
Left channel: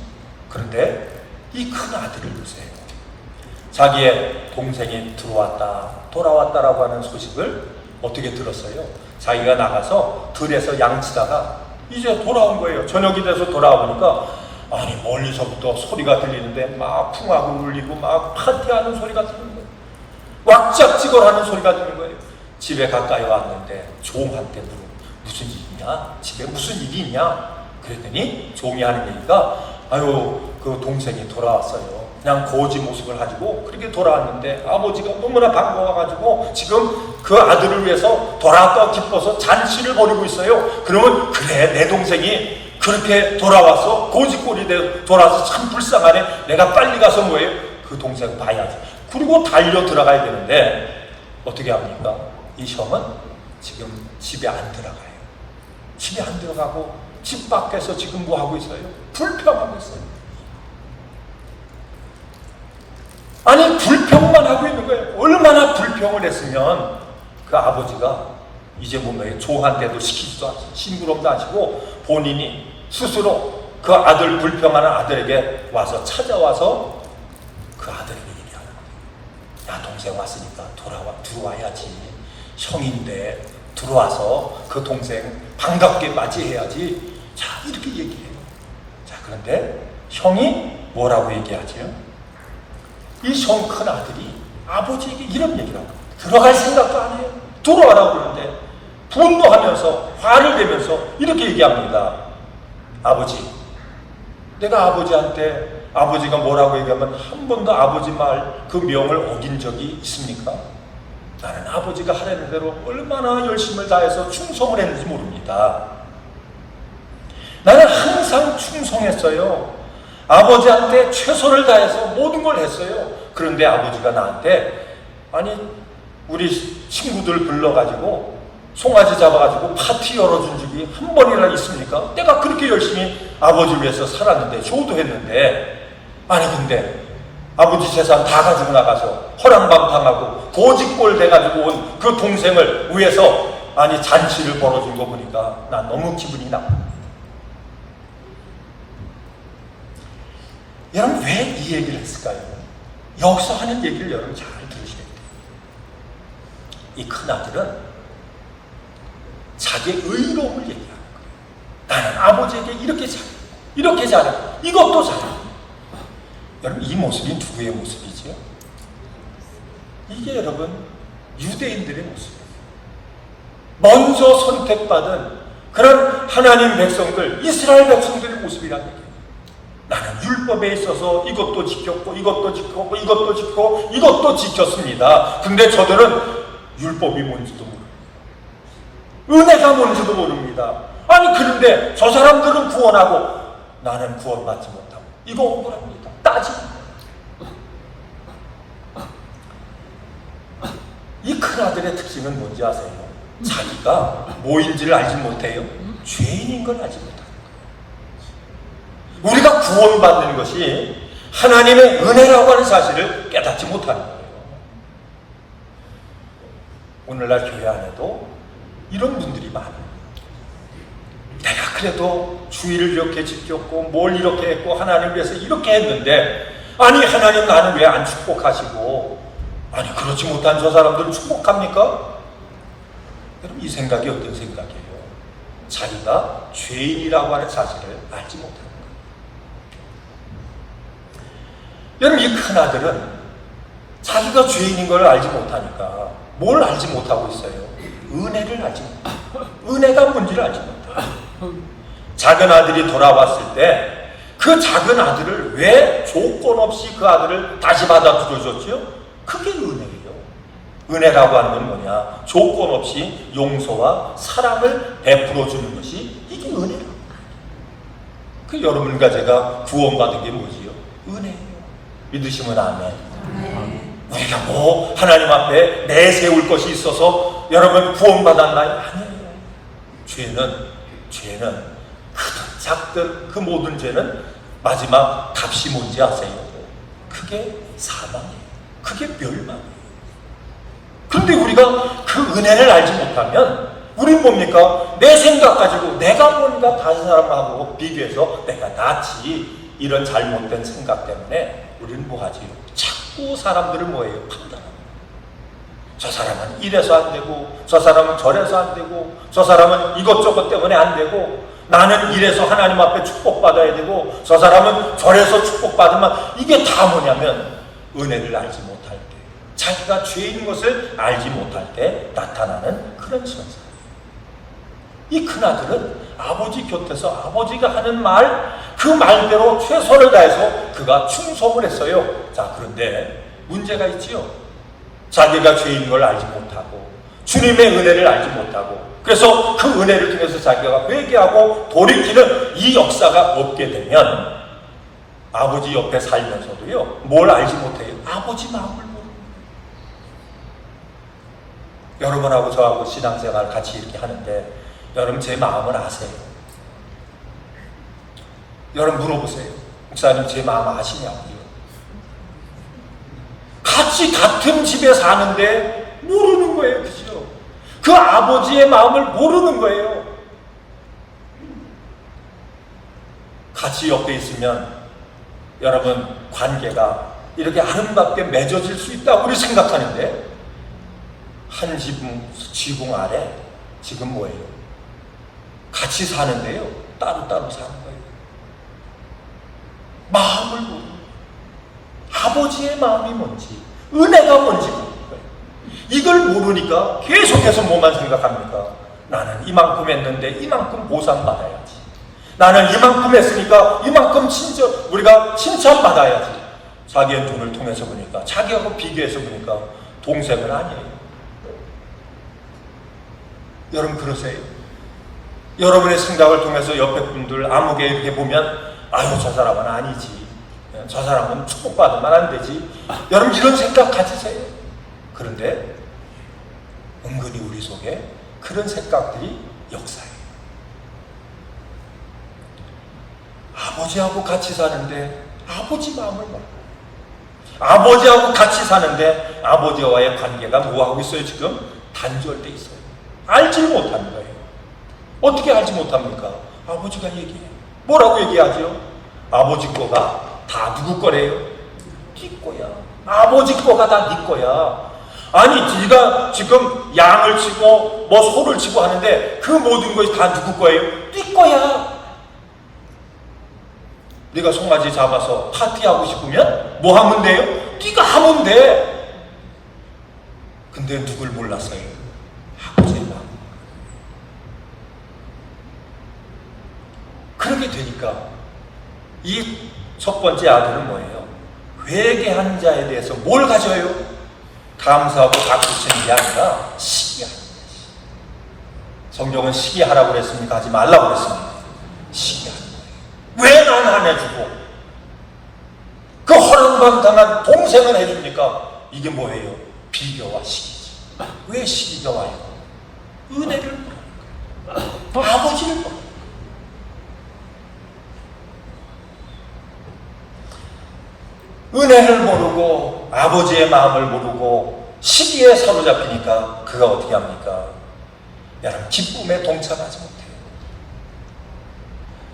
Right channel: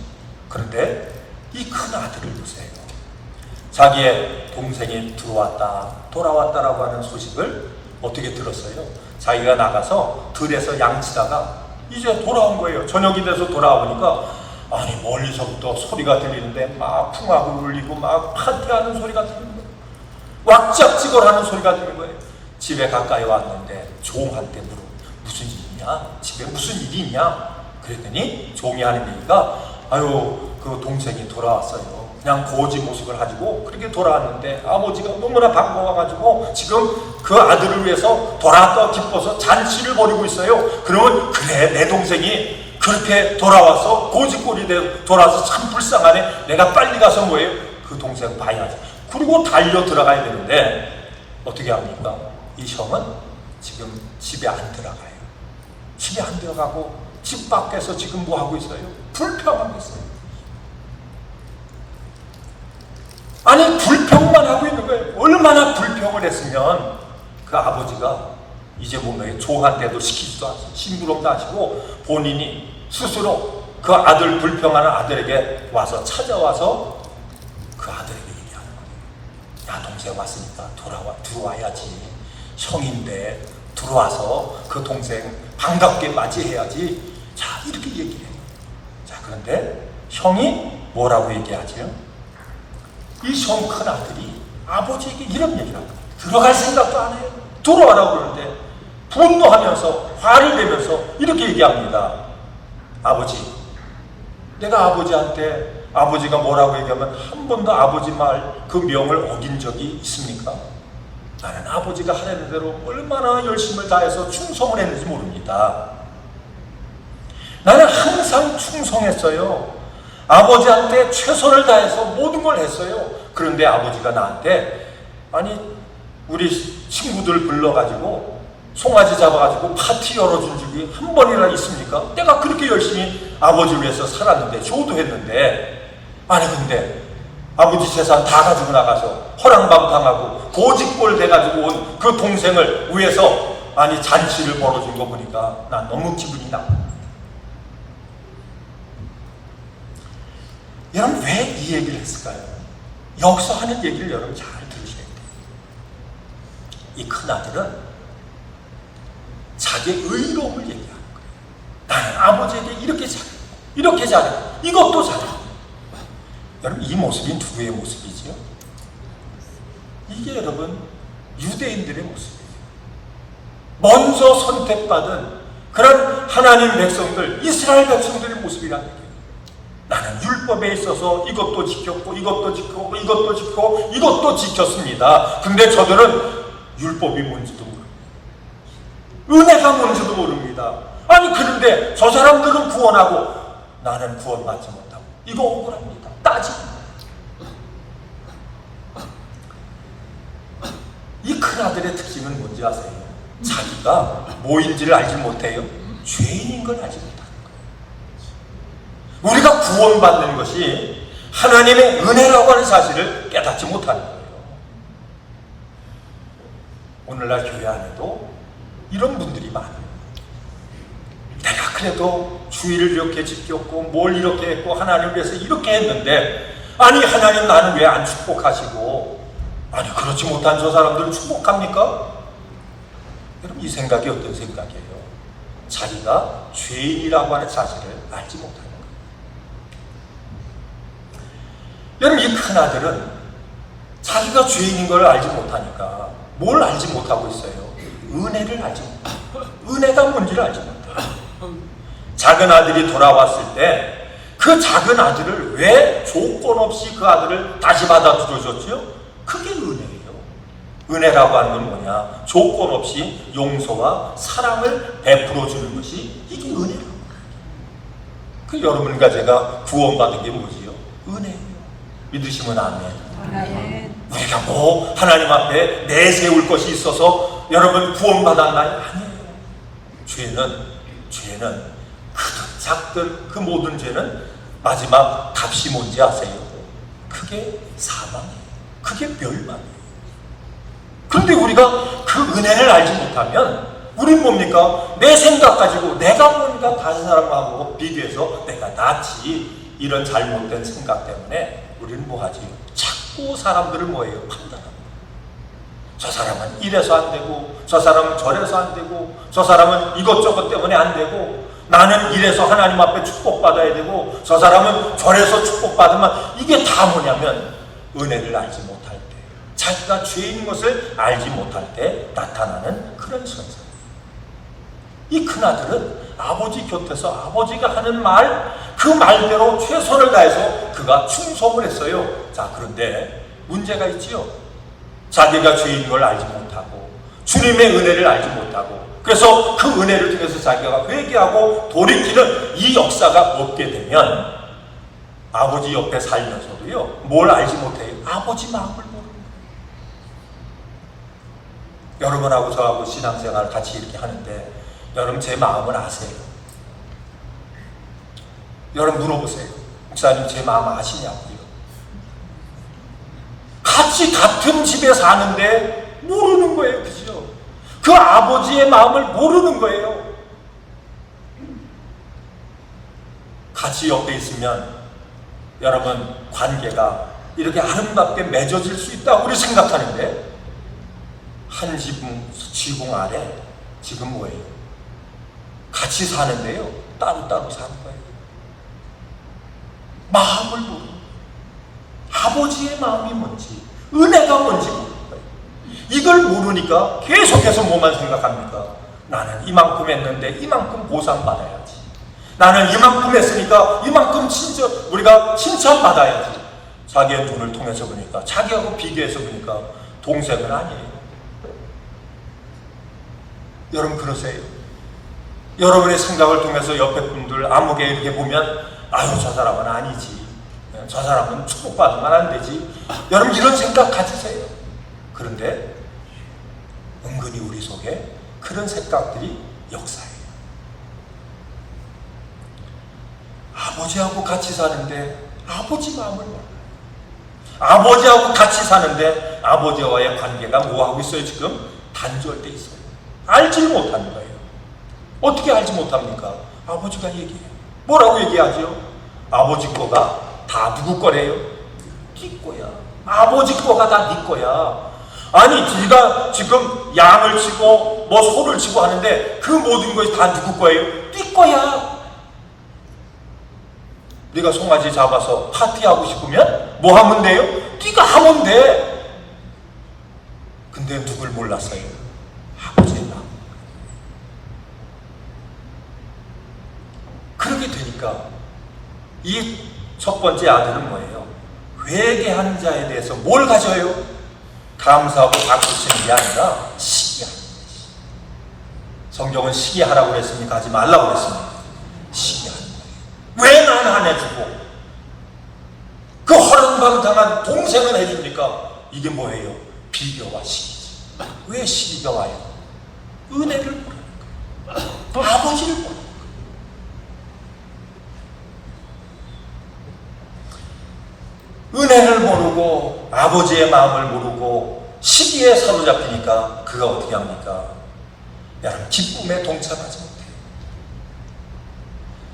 그런데 이 큰 아들을 보세요. 자기의 동생이 돌아왔다라고 하는 소식을 어떻게 들었어요? 자기가 나가서 들에서 양치다가 이제 돌아온 거예요. 저녁이 돼서 돌아오니까 아니 멀리서부터 소리가 들리는데 막 풍악을 울리고 막 파티하는 소리가 들립니다. 왁짝지껄하는 소리가 들리는 거예요. 집에 가까이 왔는데 종한테 무슨 일이냐? 집에 무슨 일이 있냐? 그랬더니 종이 하는 얘기가 아유 그 그 동생이 돌아왔어요. 그냥 고지 모습을 가지고 그렇게 돌아왔는데 아버지가 너무나 반가워가지고 지금 그 아들을 위해서 돌아왔다 기뻐서 잔치를 벌이고 있어요. 그러면 그래, 내 동생이 그렇게 돌아와서 고지꼴이 돼 돌아와서 참 불쌍하네. 내가 빨리 가서 뭐예요? 그 동생 봐야지. 그리고 달려 들어가야 되는데 어떻게 합니까? 이 형은 지금 집에 안 들어가요. 집에 안 들어가고 집 밖에서 지금 뭐 하고 있어요? 불평하고 있어요. 아니, 불평만 하고 있는 거예요. 얼마나 불평을 했으면 그 아버지가 이제 뭐예요? 조한대도 시키지도 않고 심부름도 하시고 본인이 스스로 그 아들 불평하는 아들에게 와서 찾아와서 그 아들에게 얘기하는 거예요. 야, 동생 왔으니까 들어와야지. 형인데 들어와서 그 동생 반갑게 맞이해야지. 자, 이렇게 얘기해요. 자, 그런데 형이 뭐라고 얘기하죠? 이 형 큰 아들이 아버지에게 이런 얘기를 하고 들어갈 생각도 안 해요. 들어와라고 그러는데 분노하면서 화를 내면서 이렇게 얘기합니다. 아버지, 내가 아버지한테 아버지가 뭐라고 얘기하면 한 번도 아버지 말 그 명을 어긴 적이 있습니까? 나는 아버지가 하는 대로 얼마나 열심을 다해서 충성을 했는지 모릅니다. 나는 항상 충성했어요. 아버지한테 최선을 다해서 모든 걸 했어요. 그런데 아버지가 나한테 아니 우리 친구들 불러가지고 송아지 잡아가지고 파티 열어준 적이 한 번이나 있습니까? 내가 그렇게 열심히 아버지를 위해서 살았는데 저도 했는데 아니 근데 아버지 재산 다 가지고 나가서 허랑방탕하고 고집골 돼가지고 온 그 동생을 위해서 아니 잔치를 벌어준 거 보니까 난 너무 기분이 나쁩니다. 여러분 왜 이 얘기를 했을까요? 여기서 하는 얘기를 여러분 잘 들으시면 돼요. 이 큰아들은 자기의 의로움을 얘기합니다. 나는 아버지에게 이렇게 잘해. 이것도 잘해. 여러분 이 모습이 누구의 모습이죠? 이게 여러분 유대인들의 모습이에요. 먼저 선택받은 그런 하나님 백성들, 이스라엘 백성들의 모습이랍니다. 나는 율법에 있어서 이것도 지켰고 이것도 지켰고 이것도 지켰고 이것도 지켰습니다. 근데 저들은 율법이 뭔지도 모릅니다. 은혜가 뭔지도 모릅니다. 아니 그런데 저 사람들은 구원하고 나는 구원받지 못하고 이거 억울합니다. 따지고 이 큰아들의 특징은 뭔지 아세요? 자기가 뭐인지를 알지 못해요. 죄인인 걸 알지 못합니다. 우리가 구원받는 것이 하나님의 은혜라고 하는 사실을 깨닫지 못하는 거예요. 오늘날 교회 안에도 이런 분들이 많아요. 내가 그래도 주의를 이렇게 지켰고 뭘 이렇게 했고 하나님 위해서 이렇게 했는데 아니 하나님 나는 왜 안 축복하시고 아니 그렇지 못한 저 사람들은 축복합니까? 그럼 이 생각이 어떤 생각이에요? 자기가 죄인이라고 하는 사실을 알지 못합니다. 여러분 이 큰아들은 자기가 죄인인 걸 알지 못하니까 뭘 알지 못하고 있어요? 은혜를 알지 못해요. 은혜가 뭔지를 알지 못해요. 작은 아들이 돌아왔을 때 그 작은 아들을 왜 조건 없이 그 아들을 다시 받아들여줬죠? 그게 은혜예요. 은혜라고 하는 건 뭐냐? 조건 없이 용서와 사랑을 베풀어주는 것이 이게 은혜예요. 그 여러분과 제가 구원받은 게 뭐지요? 은혜예요. 믿으시면 아멘. 우리가 뭐 하나님 앞에 내세울 것이 있어서 여러분 구원받았나요? 아니에요. 죄는 크든 작든 그 모든 죄는 마지막 값이 뭔지 아세요? 그게 사망이에요. 그게 멸망이에요. 그런데 우리가 그 은혜를 알지 못하면 우리는 뭡니까? 내 생각 가지고 내가 뭔가 다른 사람하고 비교해서 내가 낫지 이런 잘못된 생각 때문에 우리는 뭐하지? 자꾸 사람들을 뭐예요? 판단합니다. 저 사람은 이래서 안 되고 저 사람은 저래서 안 되고 저 사람은 이것저것 때문에 안 되고 나는 이래서 하나님 앞에 축복받아야 되고 저 사람은 저래서 축복받으면 이게 다 뭐냐면 은혜를 알지 못할 때 자기가 죄인 것을 알지 못할 때 나타나는 그런 증상이에요. 이 큰아들은 아버지 곁에서 아버지가 하는 말, 그 말대로 최선을 다해서 그가 충성을 했어요. 자, 그런데 문제가 있지요. 자기가 죄인 걸 알지 못하고 주님의 은혜를 알지 못하고, 그래서 그 은혜를 통해서 자기가 회개하고 돌이키는 이 역사가 없게 되면 아버지 옆에 살면서도요, 뭘 알지 못해요? 아버지 마음을 모르는 거예요. 여러분하고 저하고 신앙생활 같이 이렇게 하는데 여러분 제 마음을 아세요? 여러분 물어보세요. 목사님 제 마음 아시냐고요? 같은 집에 사는데 모르는 거예요. 그죠? 그 아버지의 마음을 모르는 거예요. 같이 옆에 있으면 여러분 관계가 이렇게 아름답게 맺어질 수 있다고 우리 생각하는데, 한 지붕 아래 지금 뭐예요? 같이 사는데요, 따로따로 사는 거예요. 마음을 모르는 거예요. 아버지의 마음이 뭔지, 은혜가 뭔지 모르는 거예요. 이걸 모르니까 계속해서 뭐만 생각합니까? 나는 이만큼 했는데 이만큼 보상 받아야지. 나는 이만큼 했으니까 이만큼 우리가 칭찬받아야지. 자기의 눈을 통해서 보니까, 자기하고 비교해서 보니까 동생은 아니에요. 여러분 그러세요? 여러분의 생각을 통해서 옆에 분들 아무개 이렇게 보면, 아유 저 사람은 아니지, 저 사람은 축복받으면 안 되지, 여러분 이런 생각 가지세요. 그런데 은근히 우리 속에 그런 생각들이 역사예요. 아버지하고 같이 사는데 아버지 마음을 몰라요. 아버지하고 같이 사는데 아버지와의 관계가 뭐하고 있어요? 지금 단절돼 있어요. 알지 못하는 거예요. 어떻게 알지 못합니까? 아버지가 얘기해요. 뭐라고 얘기하죠? 아버지 거가 다 누구 거래요? 네 거야. 아버지 거가 다 네 거야. 아니 네가 지금 양을 치고 뭐 소를 치고 하는데 그 모든 것이 다 누구 거예요? 네 거야. 네가 송아지 잡아서 파티하고 싶으면 뭐 하면 돼요? 네가 하면 돼. 근데 누굴 몰랐어요? 아버지가. 그렇게 되니까 이 첫 번째 아들은 뭐예요? 회개한 자에 대해서 뭘 가져요? 감사하고 박수치는 게 아니라 시기하는 것이. 성경은 시기하라고 그랬습니까? 하지 말라고 그랬습니까? 시기하는 거예요. 왜 난 안 해주고 그 허랑방탕한 동생은 해줍니까? 이게 뭐예요? 비교와 시기지. 왜 시기가 와요? 은혜를 모르니까. 아버지를 모르니까. 은혜를 모르고 아버지의 마음을 모르고 시기에 사로잡히니까 그가 어떻게 합니까? 여러분 기쁨에 동참하지 못해요.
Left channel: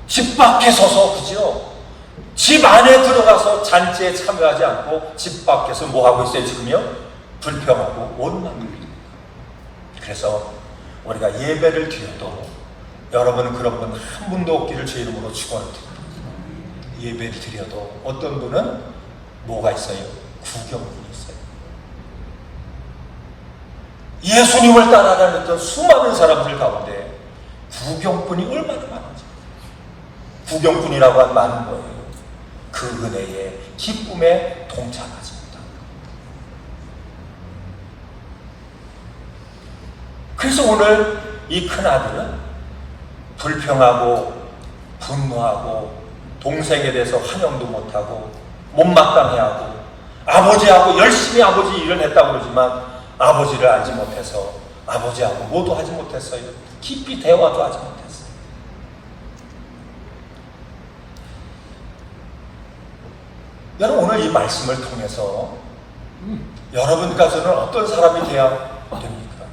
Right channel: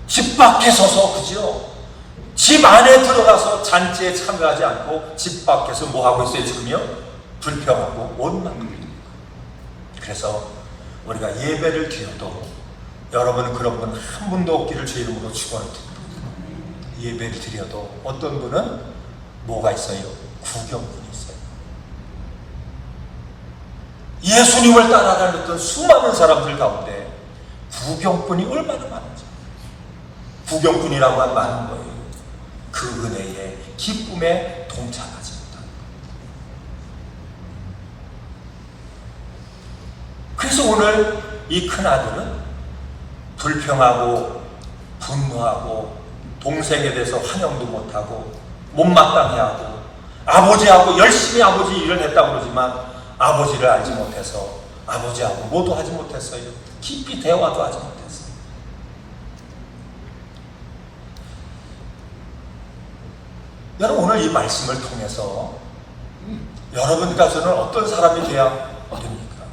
집 밖에 서서, 그죠? 집 안에 들어가서 잔치에 참여하지 않고 집 밖에서 뭐하고 있어요? 지금요? 불평하고 원망을. 그래서 우리가 예배를 드려도 여러분 그런 분 한 분도 없기를 제 이름으로 축원합니다. 예배를 드려도 어떤 분은 뭐가 있어요? 구경꾼이 있어요. 예수님을 따라다녔던 수많은 사람들 가운데 구경꾼이 얼마나 많은지. 구경꾼이라고 한 말은 뭐예요? 그 은혜의 기쁨에 동참하지 못한다. 그래서 오늘 이 큰아들은 불평하고 분노하고 동생에 대해서 환영도 못하고 못마땅해하고 아버지하고 열심히 아버지 일을 했다고 그러지만 아버지를 알지 못해서 아버지하고 뭐도 하지 못했어요. 깊이 대화도 하지 못했어요. 여러분 오늘 이 말씀을 통해서 여러분과 저는 어떤 사람이 되어야 됩니까?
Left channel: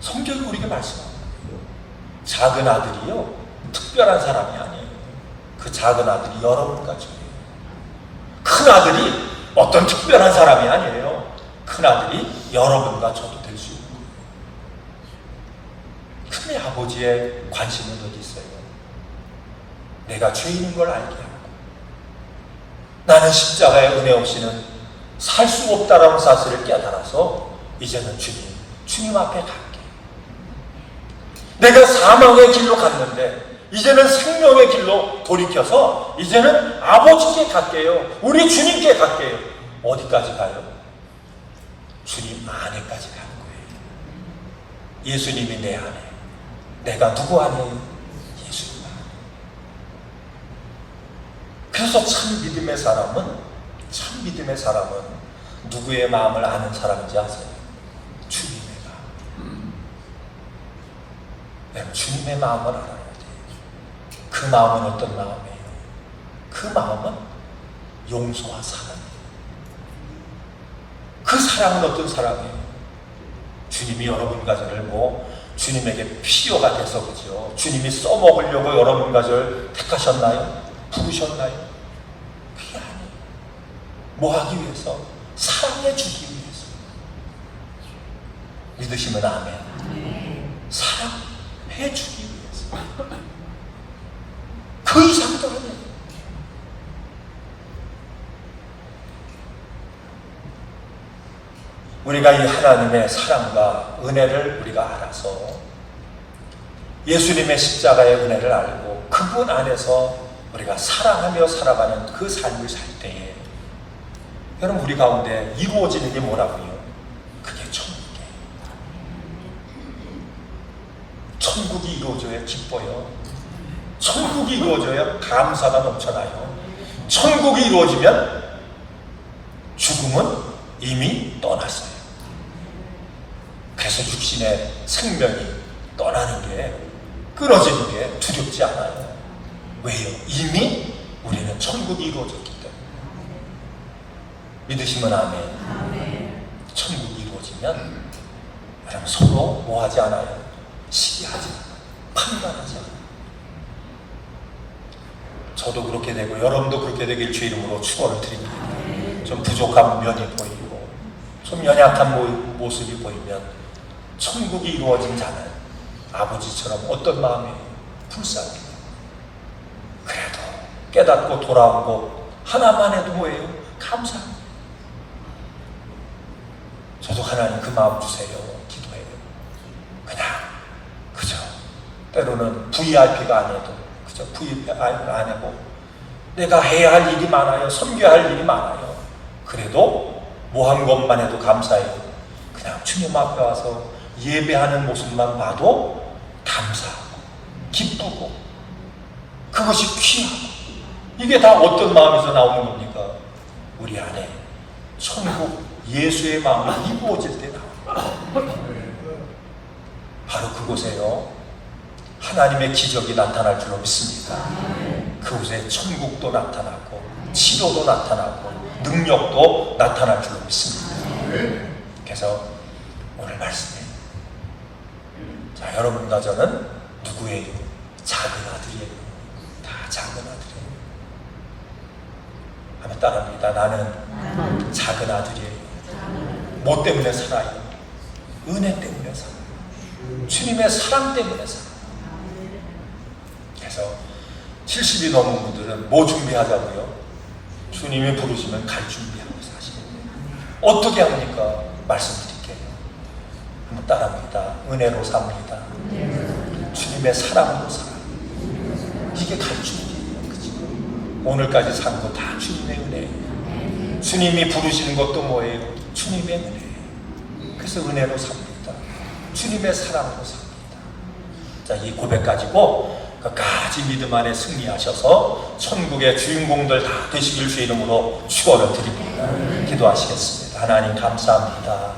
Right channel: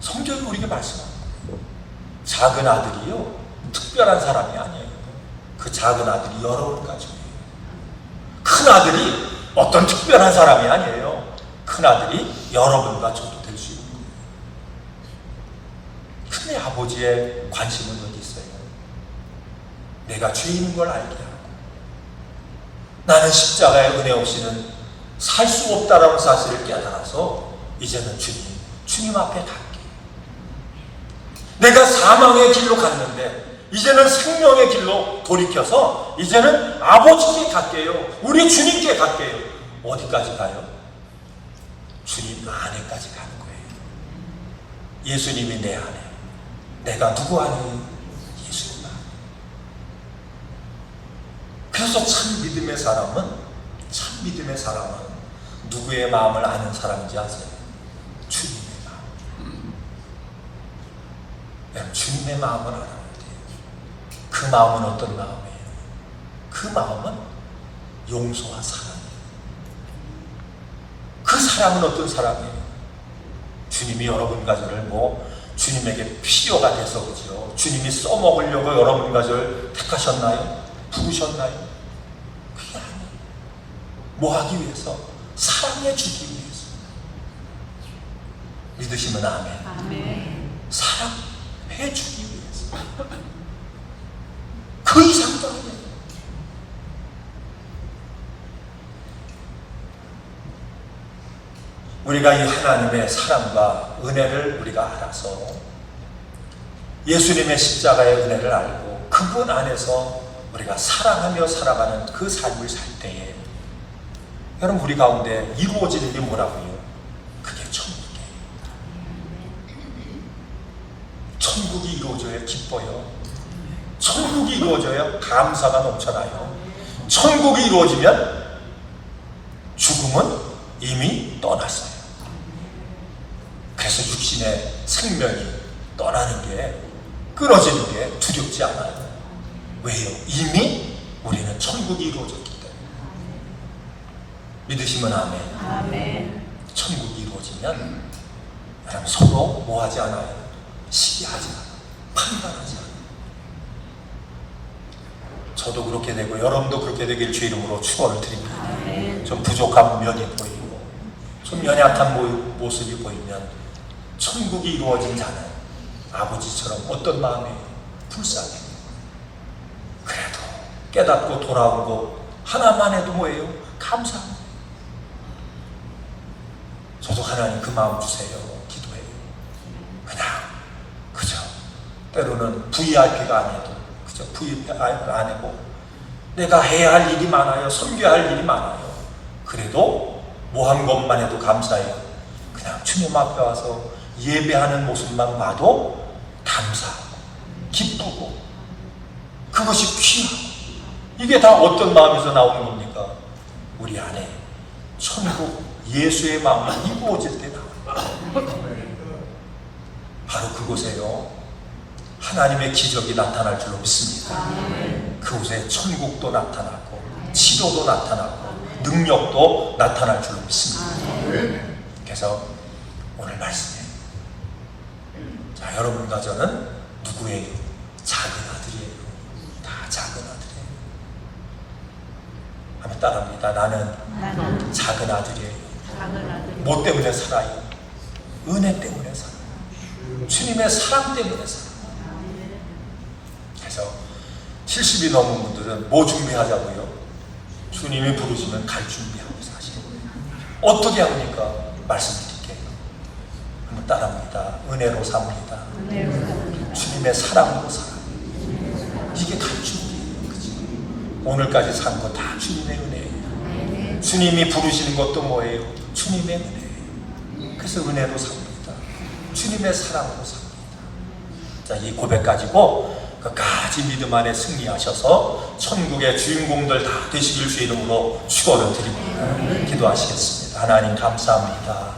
성경이 우리에게 말씀합니다. 작은 아들이요 특별한 사람이 아니에요. 그 작은 아들이 여러분까지. 큰 아들이 어떤 특별한 사람이 아니에요. 큰 아들이 여러분과 저도 될 수 있는 거예요. 큰 아버지의 관심은 어디 있어요? 내가 죄인인 걸 알게 하고 나는 십자가의 은혜 없이는 살 수 없다라는 사실을 깨달아서 이제는 주님 앞에 갈게. 내가 사망의 길로 갔는데 이제는 생명의 길로 돌이켜서 이제는 아버지께 갈게요. 우리 주님께 갈게요. 어디까지 가요? 주님 안에까지 가는 거예요. 예수님이 내 안에, 내가 누구 안에? 예수님 안에. 그래서 참 믿음의 사람은 누구의 마음을 아는 사람인지 아세요? 주님의 마음. 여러분, 주님의 마음을 알아야 돼요. 그 마음은 어떤 마음이에요? 그 마음은 용서와 사랑이에요. 그 사랑은 어떤 사랑이에요? 주님이 여러분과 저를 주님에게 필요가 돼서 그렇죠. 주님이 써먹으려고 여러분과 저를 택하셨나요? 부르셨나요? 그게 아니에요. 뭐 하기 위해서? 사랑해 주기 위해서. 믿으시면 아멘. 사랑해 주기 위해서. 그 이상도 아니에요. 우리가 이 하나님의 사랑과 은혜를 우리가 알아서 예수님의 십자가의 은혜를 알고 그분 안에서 우리가 사랑하며 살아가는 그 삶을 살 때에 여러분, 우리 가운데 이루어지는 게 뭐라고요? 그게 천국이에요. 천국이 이루어져야 기뻐요. 천국이 이루어져야 감사가 넘쳐나요. 천국이 이루어지면 죽음은 이미 떠났어요. 그래서 육신의 생명이 떠나는 게, 끊어지는 게 두렵지 않아요. 왜요? 이미 우리는 천국이 이루어졌기 때문에. 믿으시면 아멘. 천국이 이루어지면 여러분, 서로 뭐하지 않아요? 시기하지 않아요. 판단하지 않아요. 저도 그렇게 되고 여러분도 그렇게 되길 주 이름으로 축원을 드립니다. 좀 부족한 면이 보이고 좀 연약한 모습이 보이면 천국이 이루어진 자는 아버지처럼 어떤 마음이에요? 불쌍해요. 그래도 깨닫고 돌아오고 하나만 해도 뭐예요? 감사해요. 저도 하나님 그 마음 주세요. 기도해요. 그냥 그저 때로는 VIP가 아니어도 그저 VIP가 아니고 내가 해야 할 일이 많아요. 섬겨야 할 일이 많아요. 그래도 뭐 한 것만 해도 감사해요. 그냥 주님 앞에 와서 예배하는 모습만 봐도 감사하고 기쁘고 그것이 귀하고, 이게 다 어떤 마음에서 나오는 겁니까? 우리 안에 천국 예수의 마음이 이루어질 때 바로 그곳에요 하나님의 기적이 나타날 줄 믿습니다. 그곳에 천국도 나타나고 치료도 나타나고 능력도 나타날 줄 믿습니다. 그래서 오늘 말씀이, 자, 여러분과 저는 누구의 작은 아들이에요? 다 작은 아들이에요. 한번 따라합니다. 나는 작은 아들이에요. 뭐 때문에 살아요? 은혜 때문에 살아요. 주님의 사랑 때문에 살아요. 그래서 70이 넘은 분들은 뭐 준비하자고요? 주님이 부르시면 갈 준비하고 사시는 어떻게 합니까? 말씀드릴게요. 한번 따라합니다. 은혜로 삽니다. 주님의 사랑으로 삽니다. 이게 갈 준비예요. 그치? 오늘까지 산 거 다 주님의 은혜예요. 주님이 부르시는 것도 뭐예요? 주님의 은혜예요. 그래서 은혜로 삽니다. 주님의 사랑으로 삽니다. 자, 이 고백 가지고 끝까지 믿음 안에 승리하셔서 천국의 주인공들 다 되시길 주 이름으로 축원을 드립니다. 기도하시겠습니다. 하나님 감사합니다.